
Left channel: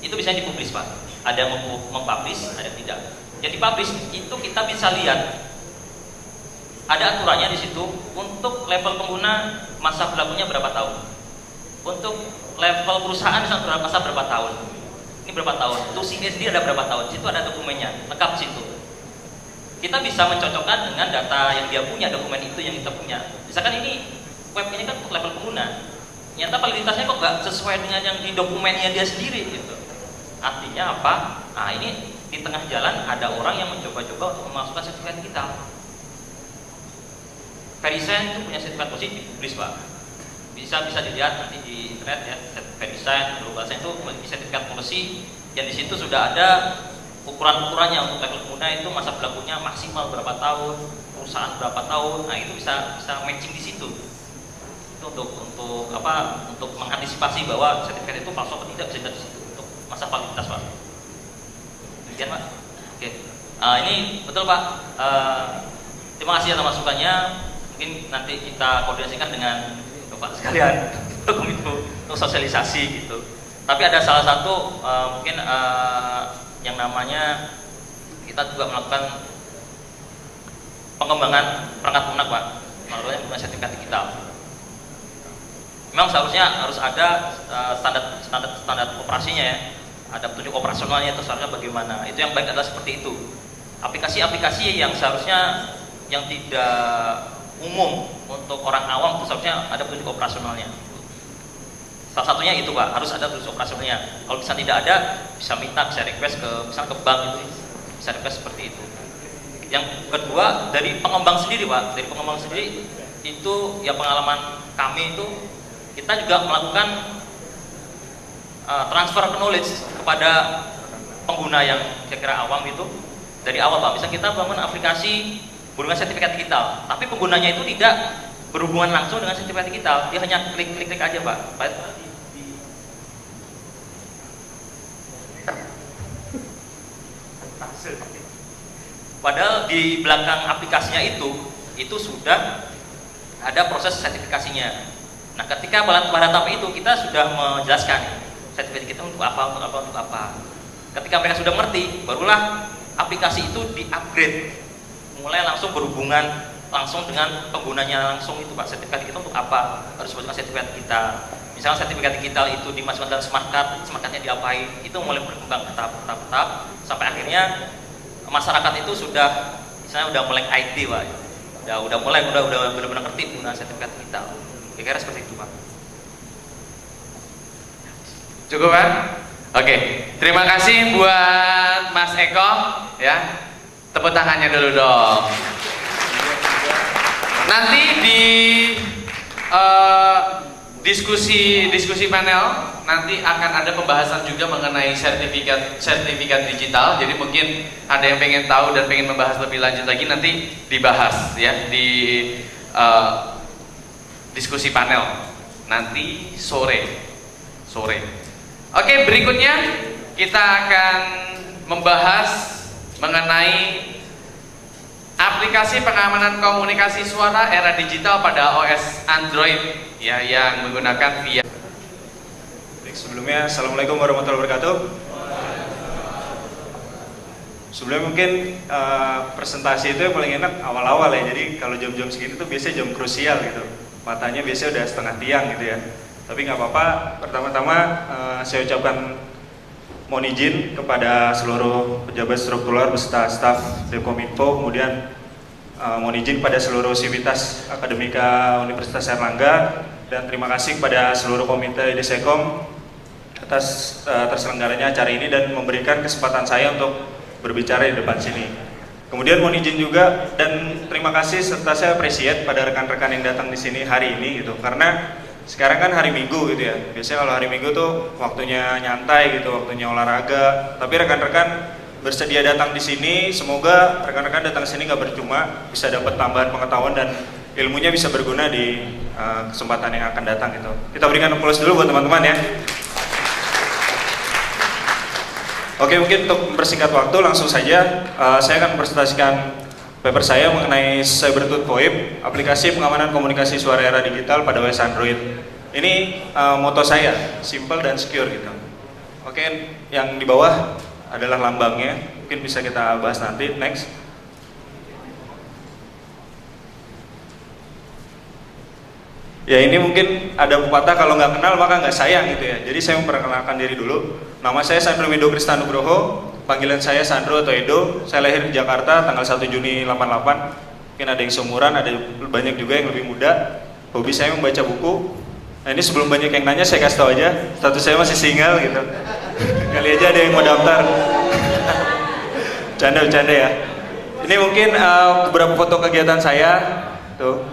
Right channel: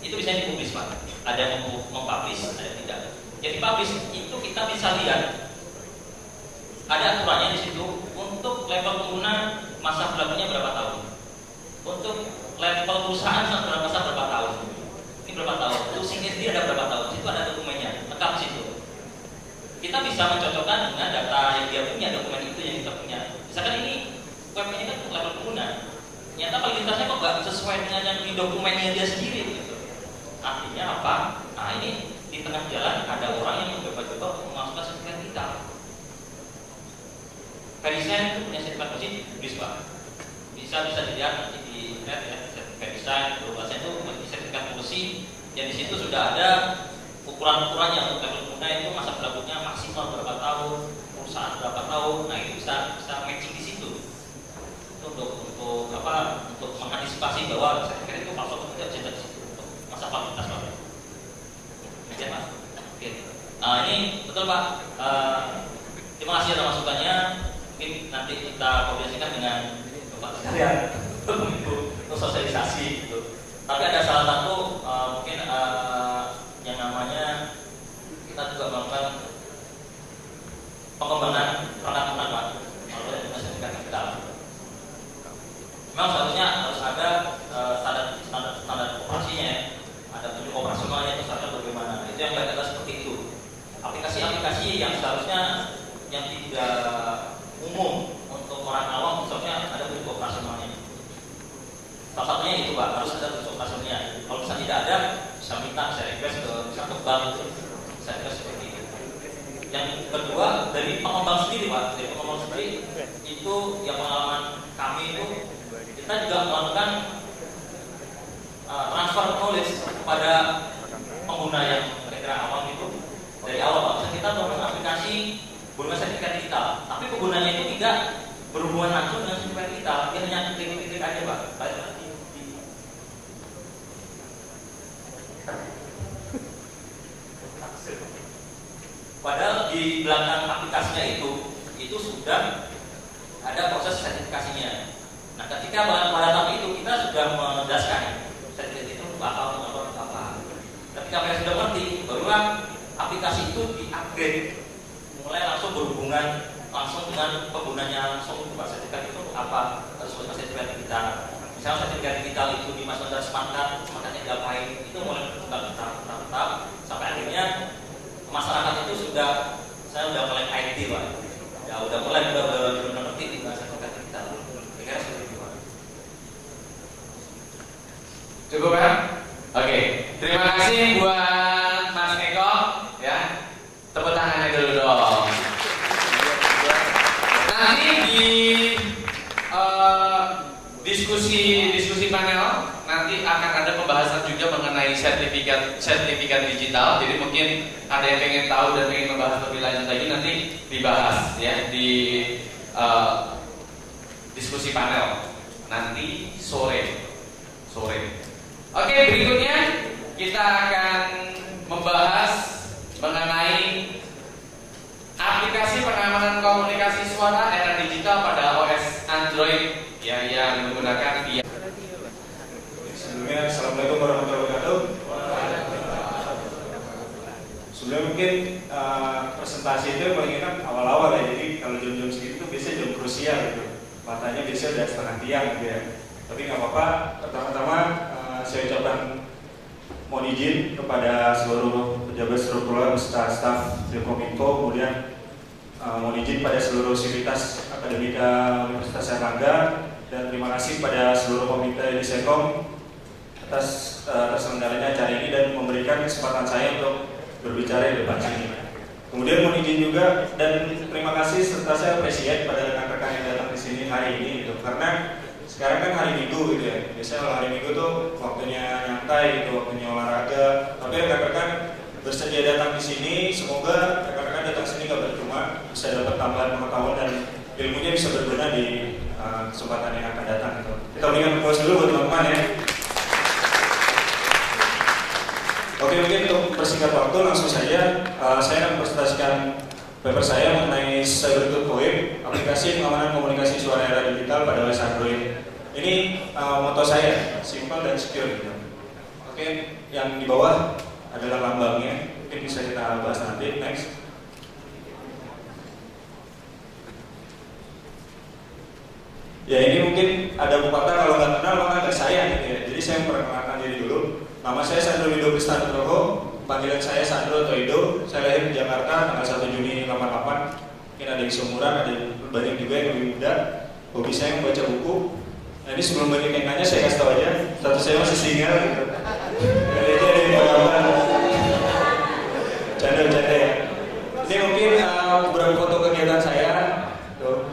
Itu bisa dipublish Pak. Ada yang mempublish, ada yang tidak. Jadi publish itu kita bisa lihat ada aturannya di situ untuk level pengguna masa berlakunya berapa tahun. Untuk level perusahaan masa berapa tahun. Ini berapa tahun. Untuk CSD ada berapa tahun. Di situ ada dokumennya, lengkap di situ. Kita bisa mencocokkan dengan data yang dia punya, dokumen itu yang kita punya. Misalkan ini web ini kan level pengguna. Ternyata validitasnya kok nggak sesuai dengan yang di dokumennya dia sendiri gitu. Artinya apa? Nah ini di tengah jalan ada orang yang mencoba-coba untuk memasukkan sertifikat kita. Verisign itu punya sertifikat positif, publish Pak. Bisa dilihat nanti di internet ya, Verisign itu bahasa itu sertifikat policy yang di situ sudah ada ukuran-ukurannya untuk level pengguna itu masa berlakunya maksimal berapa tahun, perusahaan berapa tahun. Nah itu bisa matching di situ. Itu untuk apa? Untuk mengantisipasi bahwa sertifikat itu palsu atau tidak bisa dari situ untuk masa validitas Pak. Demikian Pak. Oke. Ini betul Pak. Terima kasih atas masukannya. Mungkin nanti kita koordinasikan dengan Bapak sekalian untuk sosialisasi gitu. Tapi ada salah satu mungkin yang namanya kita juga melakukan pengembangan perangkat lunak Pak melalui sertifikat digital. Memang seharusnya harus ada standar operasinya ya, ada petunjuk operasionalnya itu seharusnya bagaimana. Itu yang baik adalah seperti itu. Aplikasi-aplikasi yang seharusnya yang tidak umum untuk orang awam itu seharusnya ada petunjuk operasionalnya. Salah satunya itu Pak, harus ada petunjuk operasionalnya. Kalau bisa tidak ada, bisa minta, bisa request ke bank itu, bisa request seperti itu. Yang kedua dari pengembang sendiri Pak, dari pengembang sendiri itu ya pengalaman kami itu kita juga melakukan transfer knowledge kepada pengguna yang kira-kira awam itu dari awal Pak. Bisa kita melakukan aplikasi berhubungan sertifikat digital, tapi penggunanya itu tidak berhubungan langsung dengan sertifikat digital, dia hanya klik aja Pak. Padahal di belakang aplikasinya itu sudah ada proses sertifikasinya. Nah, ketika pada tahap itu kita sudah menjelaskan sertifikat kita untuk apa. Ketika mereka sudah mengerti, barulah aplikasi itu di-upgrade, mulai langsung berhubungan langsung dengan penggunanya langsung itu Pak. Sertifikat itu untuk apa? Harus masukkan sertifikat digital. Misalnya sertifikat digital itu dimasukkan dalam smart card-nya diapain? Itu mulai berkembang tahap sampai akhirnya masyarakat itu sudah melek IT Pak. Udah mulai benar-benar ngerti dengan sertifikat digital. Kira-kira seperti itu Pak. Cukup Pak? Oke, terima kasih buat Mas Eko ya. Tepuk tangannya dulu dong. Nanti di diskusi panel nanti akan ada pembahasan juga mengenai sertifikat digital. Jadi mungkin ada yang pengen tahu dan pengen membahas lebih lanjut lagi, nanti dibahas ya di diskusi panel nanti sore. Oke, berikutnya kita akan membahas mengenai aplikasi pengamanan komunikasi suara era digital pada OS Android ya, yang menggunakan VIA. Sebelumnya, Assalamualaikum warahmatullahi wabarakatuh. Sebelumnya mungkin presentasi itu yang paling enak awal-awal ya. Jadi kalau jam-jam segitu tuh biasanya jam krusial gitu. Matanya biasanya udah setengah tiang gitu ya. Tapi nggak apa-apa. Pertama-tama saya ucapkan mohon izin kepada seluruh pejabat struktural beserta staf Dekominfo, kemudian mohon izin pada seluruh sivitas akademika Universitas Airlangga, dan terima kasih kepada seluruh komite Desekom atas terselenggaranya acara ini dan memberikan kesempatan saya untuk berbicara di depan sini. Kemudian mohon izin juga dan terima kasih serta saya appreciate pada rekan-rekan yang datang di sini hari ini gitu, karena sekarang kan hari Minggu gitu ya. Biasanya kalau hari Minggu tuh waktunya nyantai gitu, waktunya olahraga. Tapi rekan-rekan bersedia datang di sini. Semoga rekan-rekan datang sini nggak percuma, bisa dapat tambahan pengetahuan dan ilmunya bisa berguna di kesempatan yang akan datang gitu. Kita berikan applause dulu buat teman-teman ya. Oke, mungkin untuk persingkat waktu langsung saja saya akan presentasikan paper saya mengenai CyberTooth VoIP, aplikasi pengamanan komunikasi suara era digital pada OS Android. Ini moto saya, simple dan secure gitu. Oke, yang di bawah adalah lambangnya, mungkin bisa kita bahas nanti. Next. Ya, ini mungkin ada pepatah kalau nggak kenal maka nggak sayang gitu ya. Jadi saya memperkenalkan diri dulu. Nama saya Sandro Wido Kristanugroho, panggilan saya Sandro atau Edo. Saya lahir di Jakarta tanggal 1 Juni 88. Mungkin ada yang seumuran, ada banyak juga yang lebih muda. Hobi saya membaca buku. Nah, ini sebelum banyak yang nanya saya kasih tahu aja, status saya masih single gitu. Kali aja ada yang mau daftar. Bercanda ya. Ini mungkin beberapa foto kegiatan saya. Tuh.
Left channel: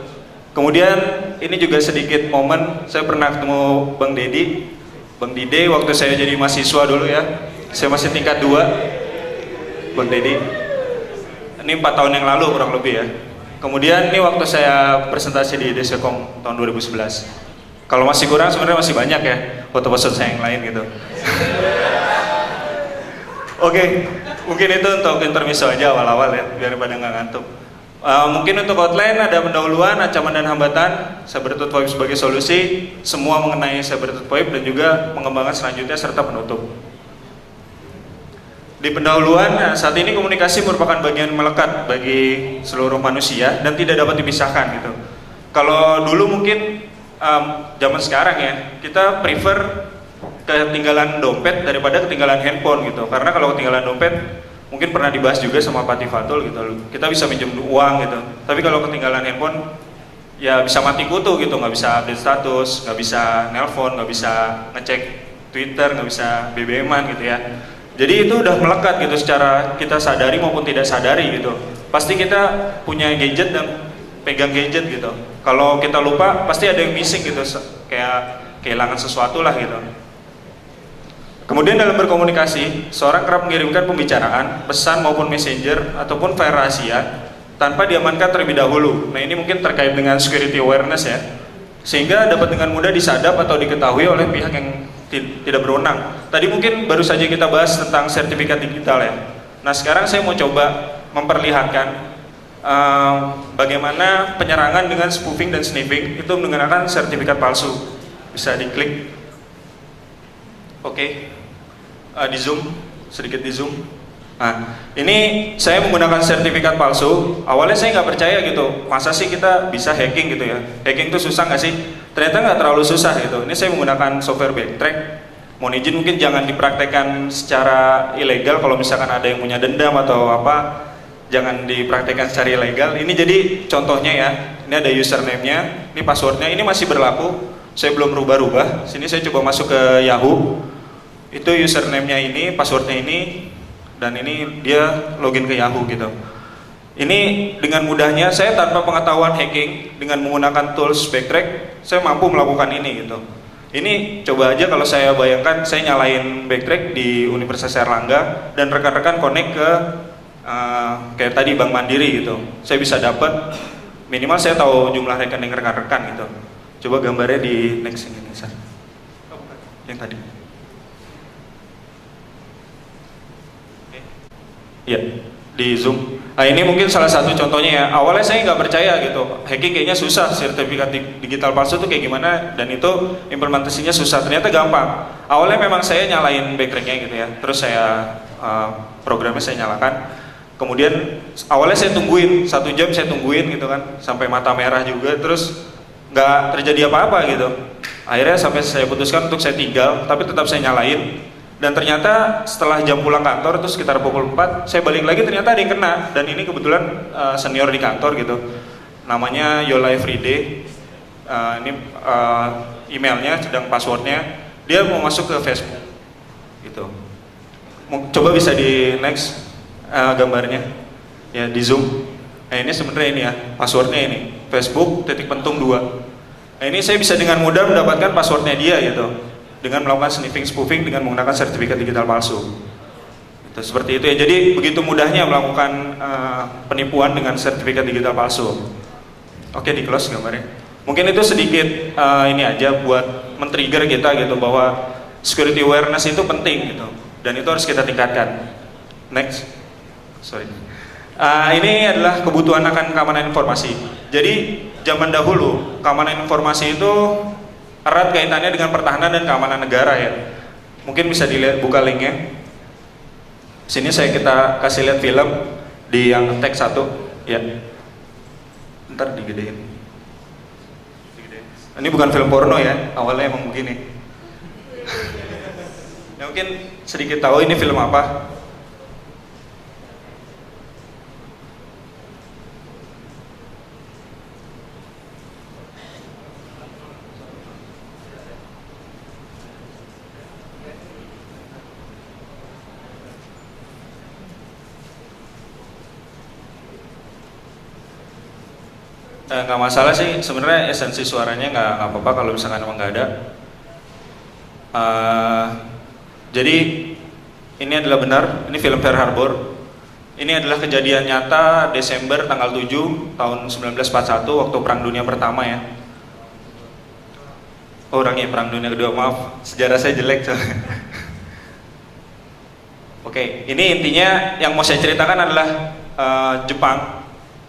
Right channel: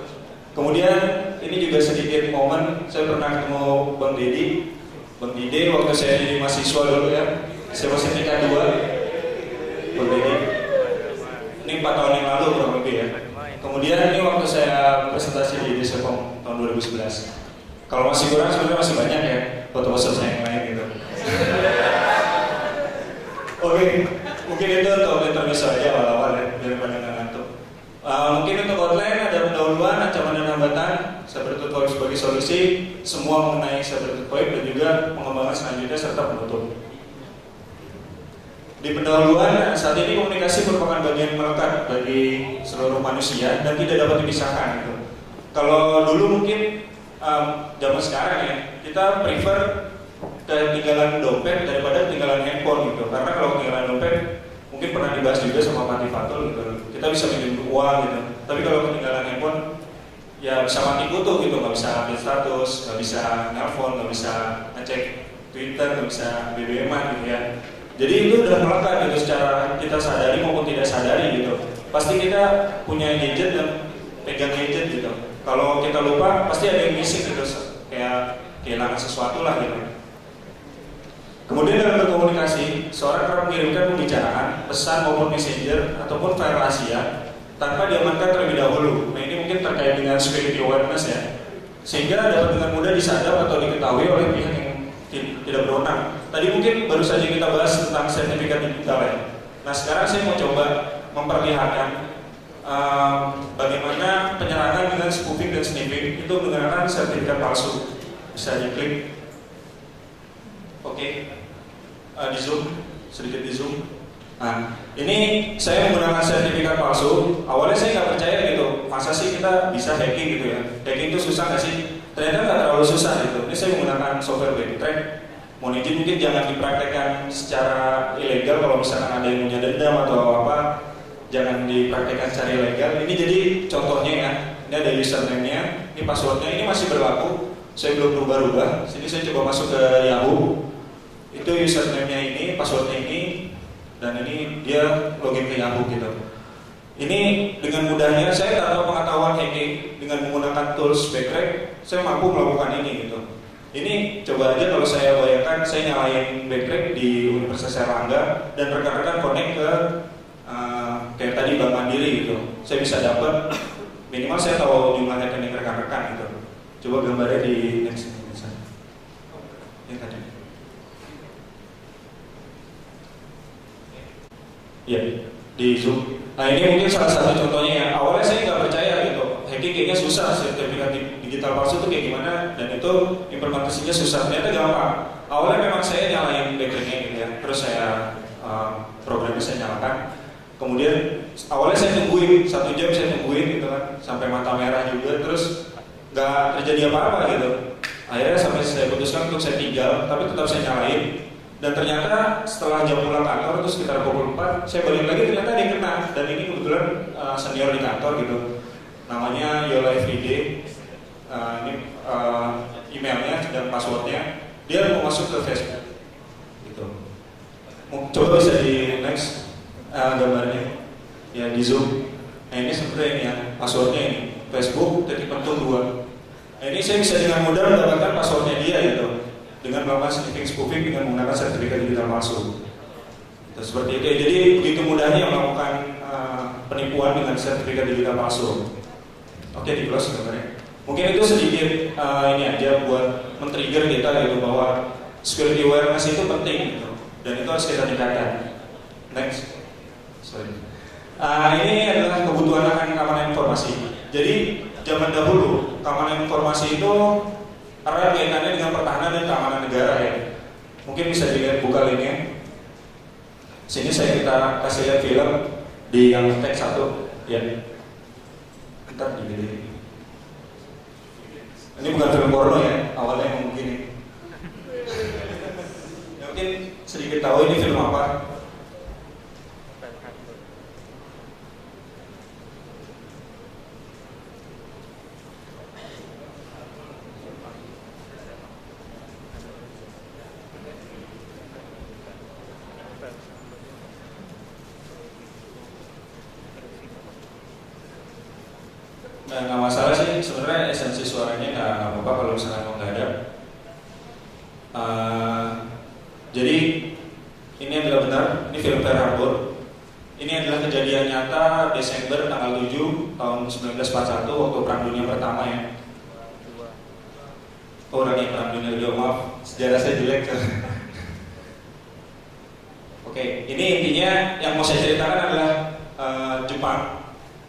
Kemudian ini juga sedikit momen, saya pernah ketemu Bang Dedi, Bang Dide waktu saya jadi mahasiswa dulu ya. Saya masih tingkat 2, Bang Dedi. Ini 4 tahun yang lalu kurang lebih ya. Kemudian ini waktu saya presentasi di Descom tahun 2011. Kalau masih kurang sebenarnya masih banyak ya foto-foto saya yang lain gitu. Oke, mungkin itu untuk intermezzo aja awal-awal ya, daripada nggak ngantuk. Mungkin untuk outline ada pendahuluan, ancaman dan hambatan, CyberTooth VoIP sebagai solusi, semua mengenai CyberTooth VoIP dan juga pengembangan selanjutnya serta penutup. Di pendahuluan, saat ini komunikasi merupakan bagian melekat bagi seluruh manusia dan tidak dapat dipisahkan gitu. Kalau dulu mungkin zaman sekarang ya, kita prefer ketinggalan dompet daripada ketinggalan handphone gitu. Karena kalau ketinggalan dompet mungkin pernah dibahas juga sama Pak Tifatul gitu, kita bisa minjem uang gitu, tapi kalau ketinggalan handphone ya bisa mati kutu gitu, nggak bisa update status, nggak bisa nelpon, nggak bisa ngecek Twitter, nggak bisa BBM-an gitu ya. Jadi itu udah melekat gitu secara kita sadari maupun tidak sadari gitu. Pasti kita punya gadget dan pegang gadget gitu. Kalau kita lupa pasti ada yang missing gitu, kayak kehilangan sesuatu lah gitu. Kemudian dalam berkomunikasi, seorang kerap mengirimkan pembicaraan, pesan maupun messenger ataupun file rahasia tanpa diamankan terlebih dahulu. Nah, ini mungkin terkait dengan security awareness ya, sehingga dapat dengan mudah disadap atau diketahui oleh pihak yang tidak berwenang. Tadi mungkin baru saja kita bahas tentang sertifikat digital ya. Nah, sekarang saya mau coba memperlihatkan bagaimana penyerangan dengan spoofing dan sniffing itu menggunakan sertifikat palsu. Bisa diklik. Oke, di zoom, sedikit di zoom. Nah, ini saya menggunakan sertifikat palsu. Awalnya saya nggak percaya gitu, masa sih kita bisa hacking gitu ya? Hacking itu susah nggak sih? Ternyata nggak terlalu susah gitu. Ini saya menggunakan software backtrack. Mohon izin mungkin jangan dipraktekkan secara ilegal. Kalau misalkan ada yang punya dendam atau apa, jangan dipraktekkan secara ilegal. Ini jadi contohnya ya. Ini ada username-nya, ini password-nya, ini masih berlaku. Saya belum rubah-rubah. Sini saya coba masuk ke Yahoo. Itu username-nya ini, password-nya ini, dan ini dia login ke Yahoo gitu. Ini dengan mudahnya saya tanpa pengetahuan hacking dengan menggunakan tools backtrack, saya mampu melakukan ini gitu. Ini coba aja kalau saya bayangkan saya nyalain backtrack di Universitas Airlangga dan rekan-rekan connect ke kayak tadi Bank Mandiri gitu. Saya bisa dapat minimal saya tahu jumlah rekening rekan-rekan gitu. Coba gambarnya di next ini, yang tadi. Iya, di zoom. Nah, ini mungkin salah satu contohnya ya. Awalnya saya nggak percaya gitu, hacking kayaknya susah, sertifikat digital palsu itu kayak gimana, dan itu implementasinya susah. Ternyata gampang. Awalnya memang saya nyalain backtracknya gitu ya, terus saya programnya saya nyalakan. Kemudian awalnya saya tungguin 1 jam, saya tungguin gitu kan, sampai mata merah juga, terus nggak terjadi apa-apa gitu. Akhirnya sampai saya putuskan untuk saya tinggal, tapi tetap saya nyalain. Dan ternyata setelah jam pulang kantor itu sekitar pukul 4, saya balik lagi ternyata ada yang kena. Dan ini kebetulan senior di kantor gitu, namanya Yola Everyday. Ini emailnya sedang passwordnya, dia mau masuk ke Facebook gitu. Coba bisa di next gambarnya ya, di zoom. Nah, ini sebenarnya ini ya passwordnya, ini Facebook _2. Nah, ini saya bisa dengan mudah mendapatkan passwordnya dia gitu, dengan melakukan sniffing spoofing dengan menggunakan sertifikat digital palsu. Seperti itu ya. Jadi begitu mudahnya melakukan penipuan dengan sertifikat digital palsu. Oke, di close gambarnya. Mungkin itu sedikit ini aja buat men-trigger kita gitu, bahwa security awareness itu penting gitu. dan itu harus kita tingkatkan. Next, sorry. Ini adalah kebutuhan akan keamanan informasi. Jadi zaman dahulu keamanan informasi itu erat kaitannya dengan pertahanan dan keamanan negara ya. Mungkin bisa dilihat, buka linknya. Sini kita kasih lihat film di yang teks 1 ya. Ntar digedein. Ini bukan film porno ya, awalnya emang begini. Ya, mungkin sedikit tahu ini film apa. Nggak masalah sih, sebenarnya esensi suaranya nggak apa-apa kalau misalkan emang nggak ada. Jadi ini adalah benar, ini film Pearl Harbor. Ini adalah kejadian nyata Desember tanggal 7 tahun 1941 waktu Perang Dunia Pertama ya. Orangnya Perang Dunia Kedua, maaf, sejarah saya jelek soalnya. Oke, ini intinya yang mau saya ceritakan adalah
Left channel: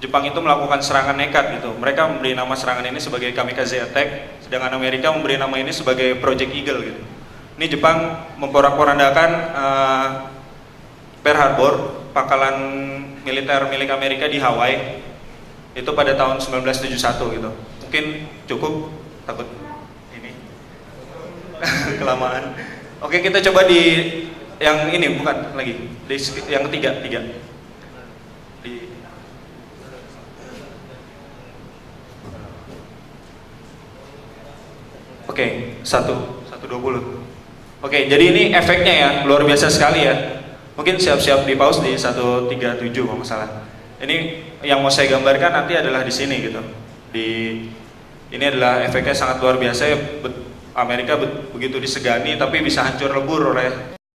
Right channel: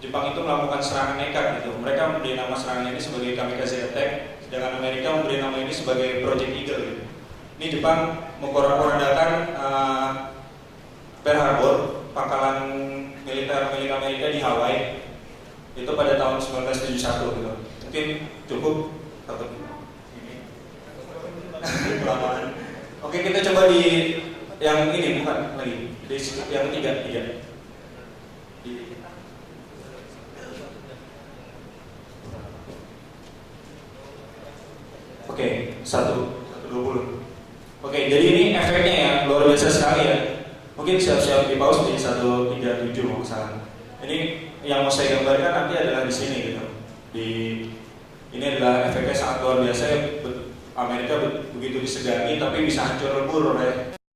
Jepang itu melakukan serangan nekat gitu. Mereka memberi nama serangan ini sebagai kamikaze attack, sedangkan Amerika memberi nama ini sebagai Project Eagle gitu. Ini Jepang memporak-porandakan Pearl Harbor, pangkalan militer milik Amerika di Hawaii. Itu pada tahun 1971 gitu. Mungkin cukup, takut ini kelamaan. Oke, kita coba di yang ini, bukan lagi, di yang ketiga. Oke, 1:20. Oke, jadi ini efeknya ya, luar biasa sekali ya. Mungkin siap-siap di pause di 1:37 kalau nggak salah. Ini yang mau saya gambarkan nanti adalah di sini gitu. Ini adalah efeknya sangat luar biasa. Amerika begitu disegani tapi bisa hancur lebur oleh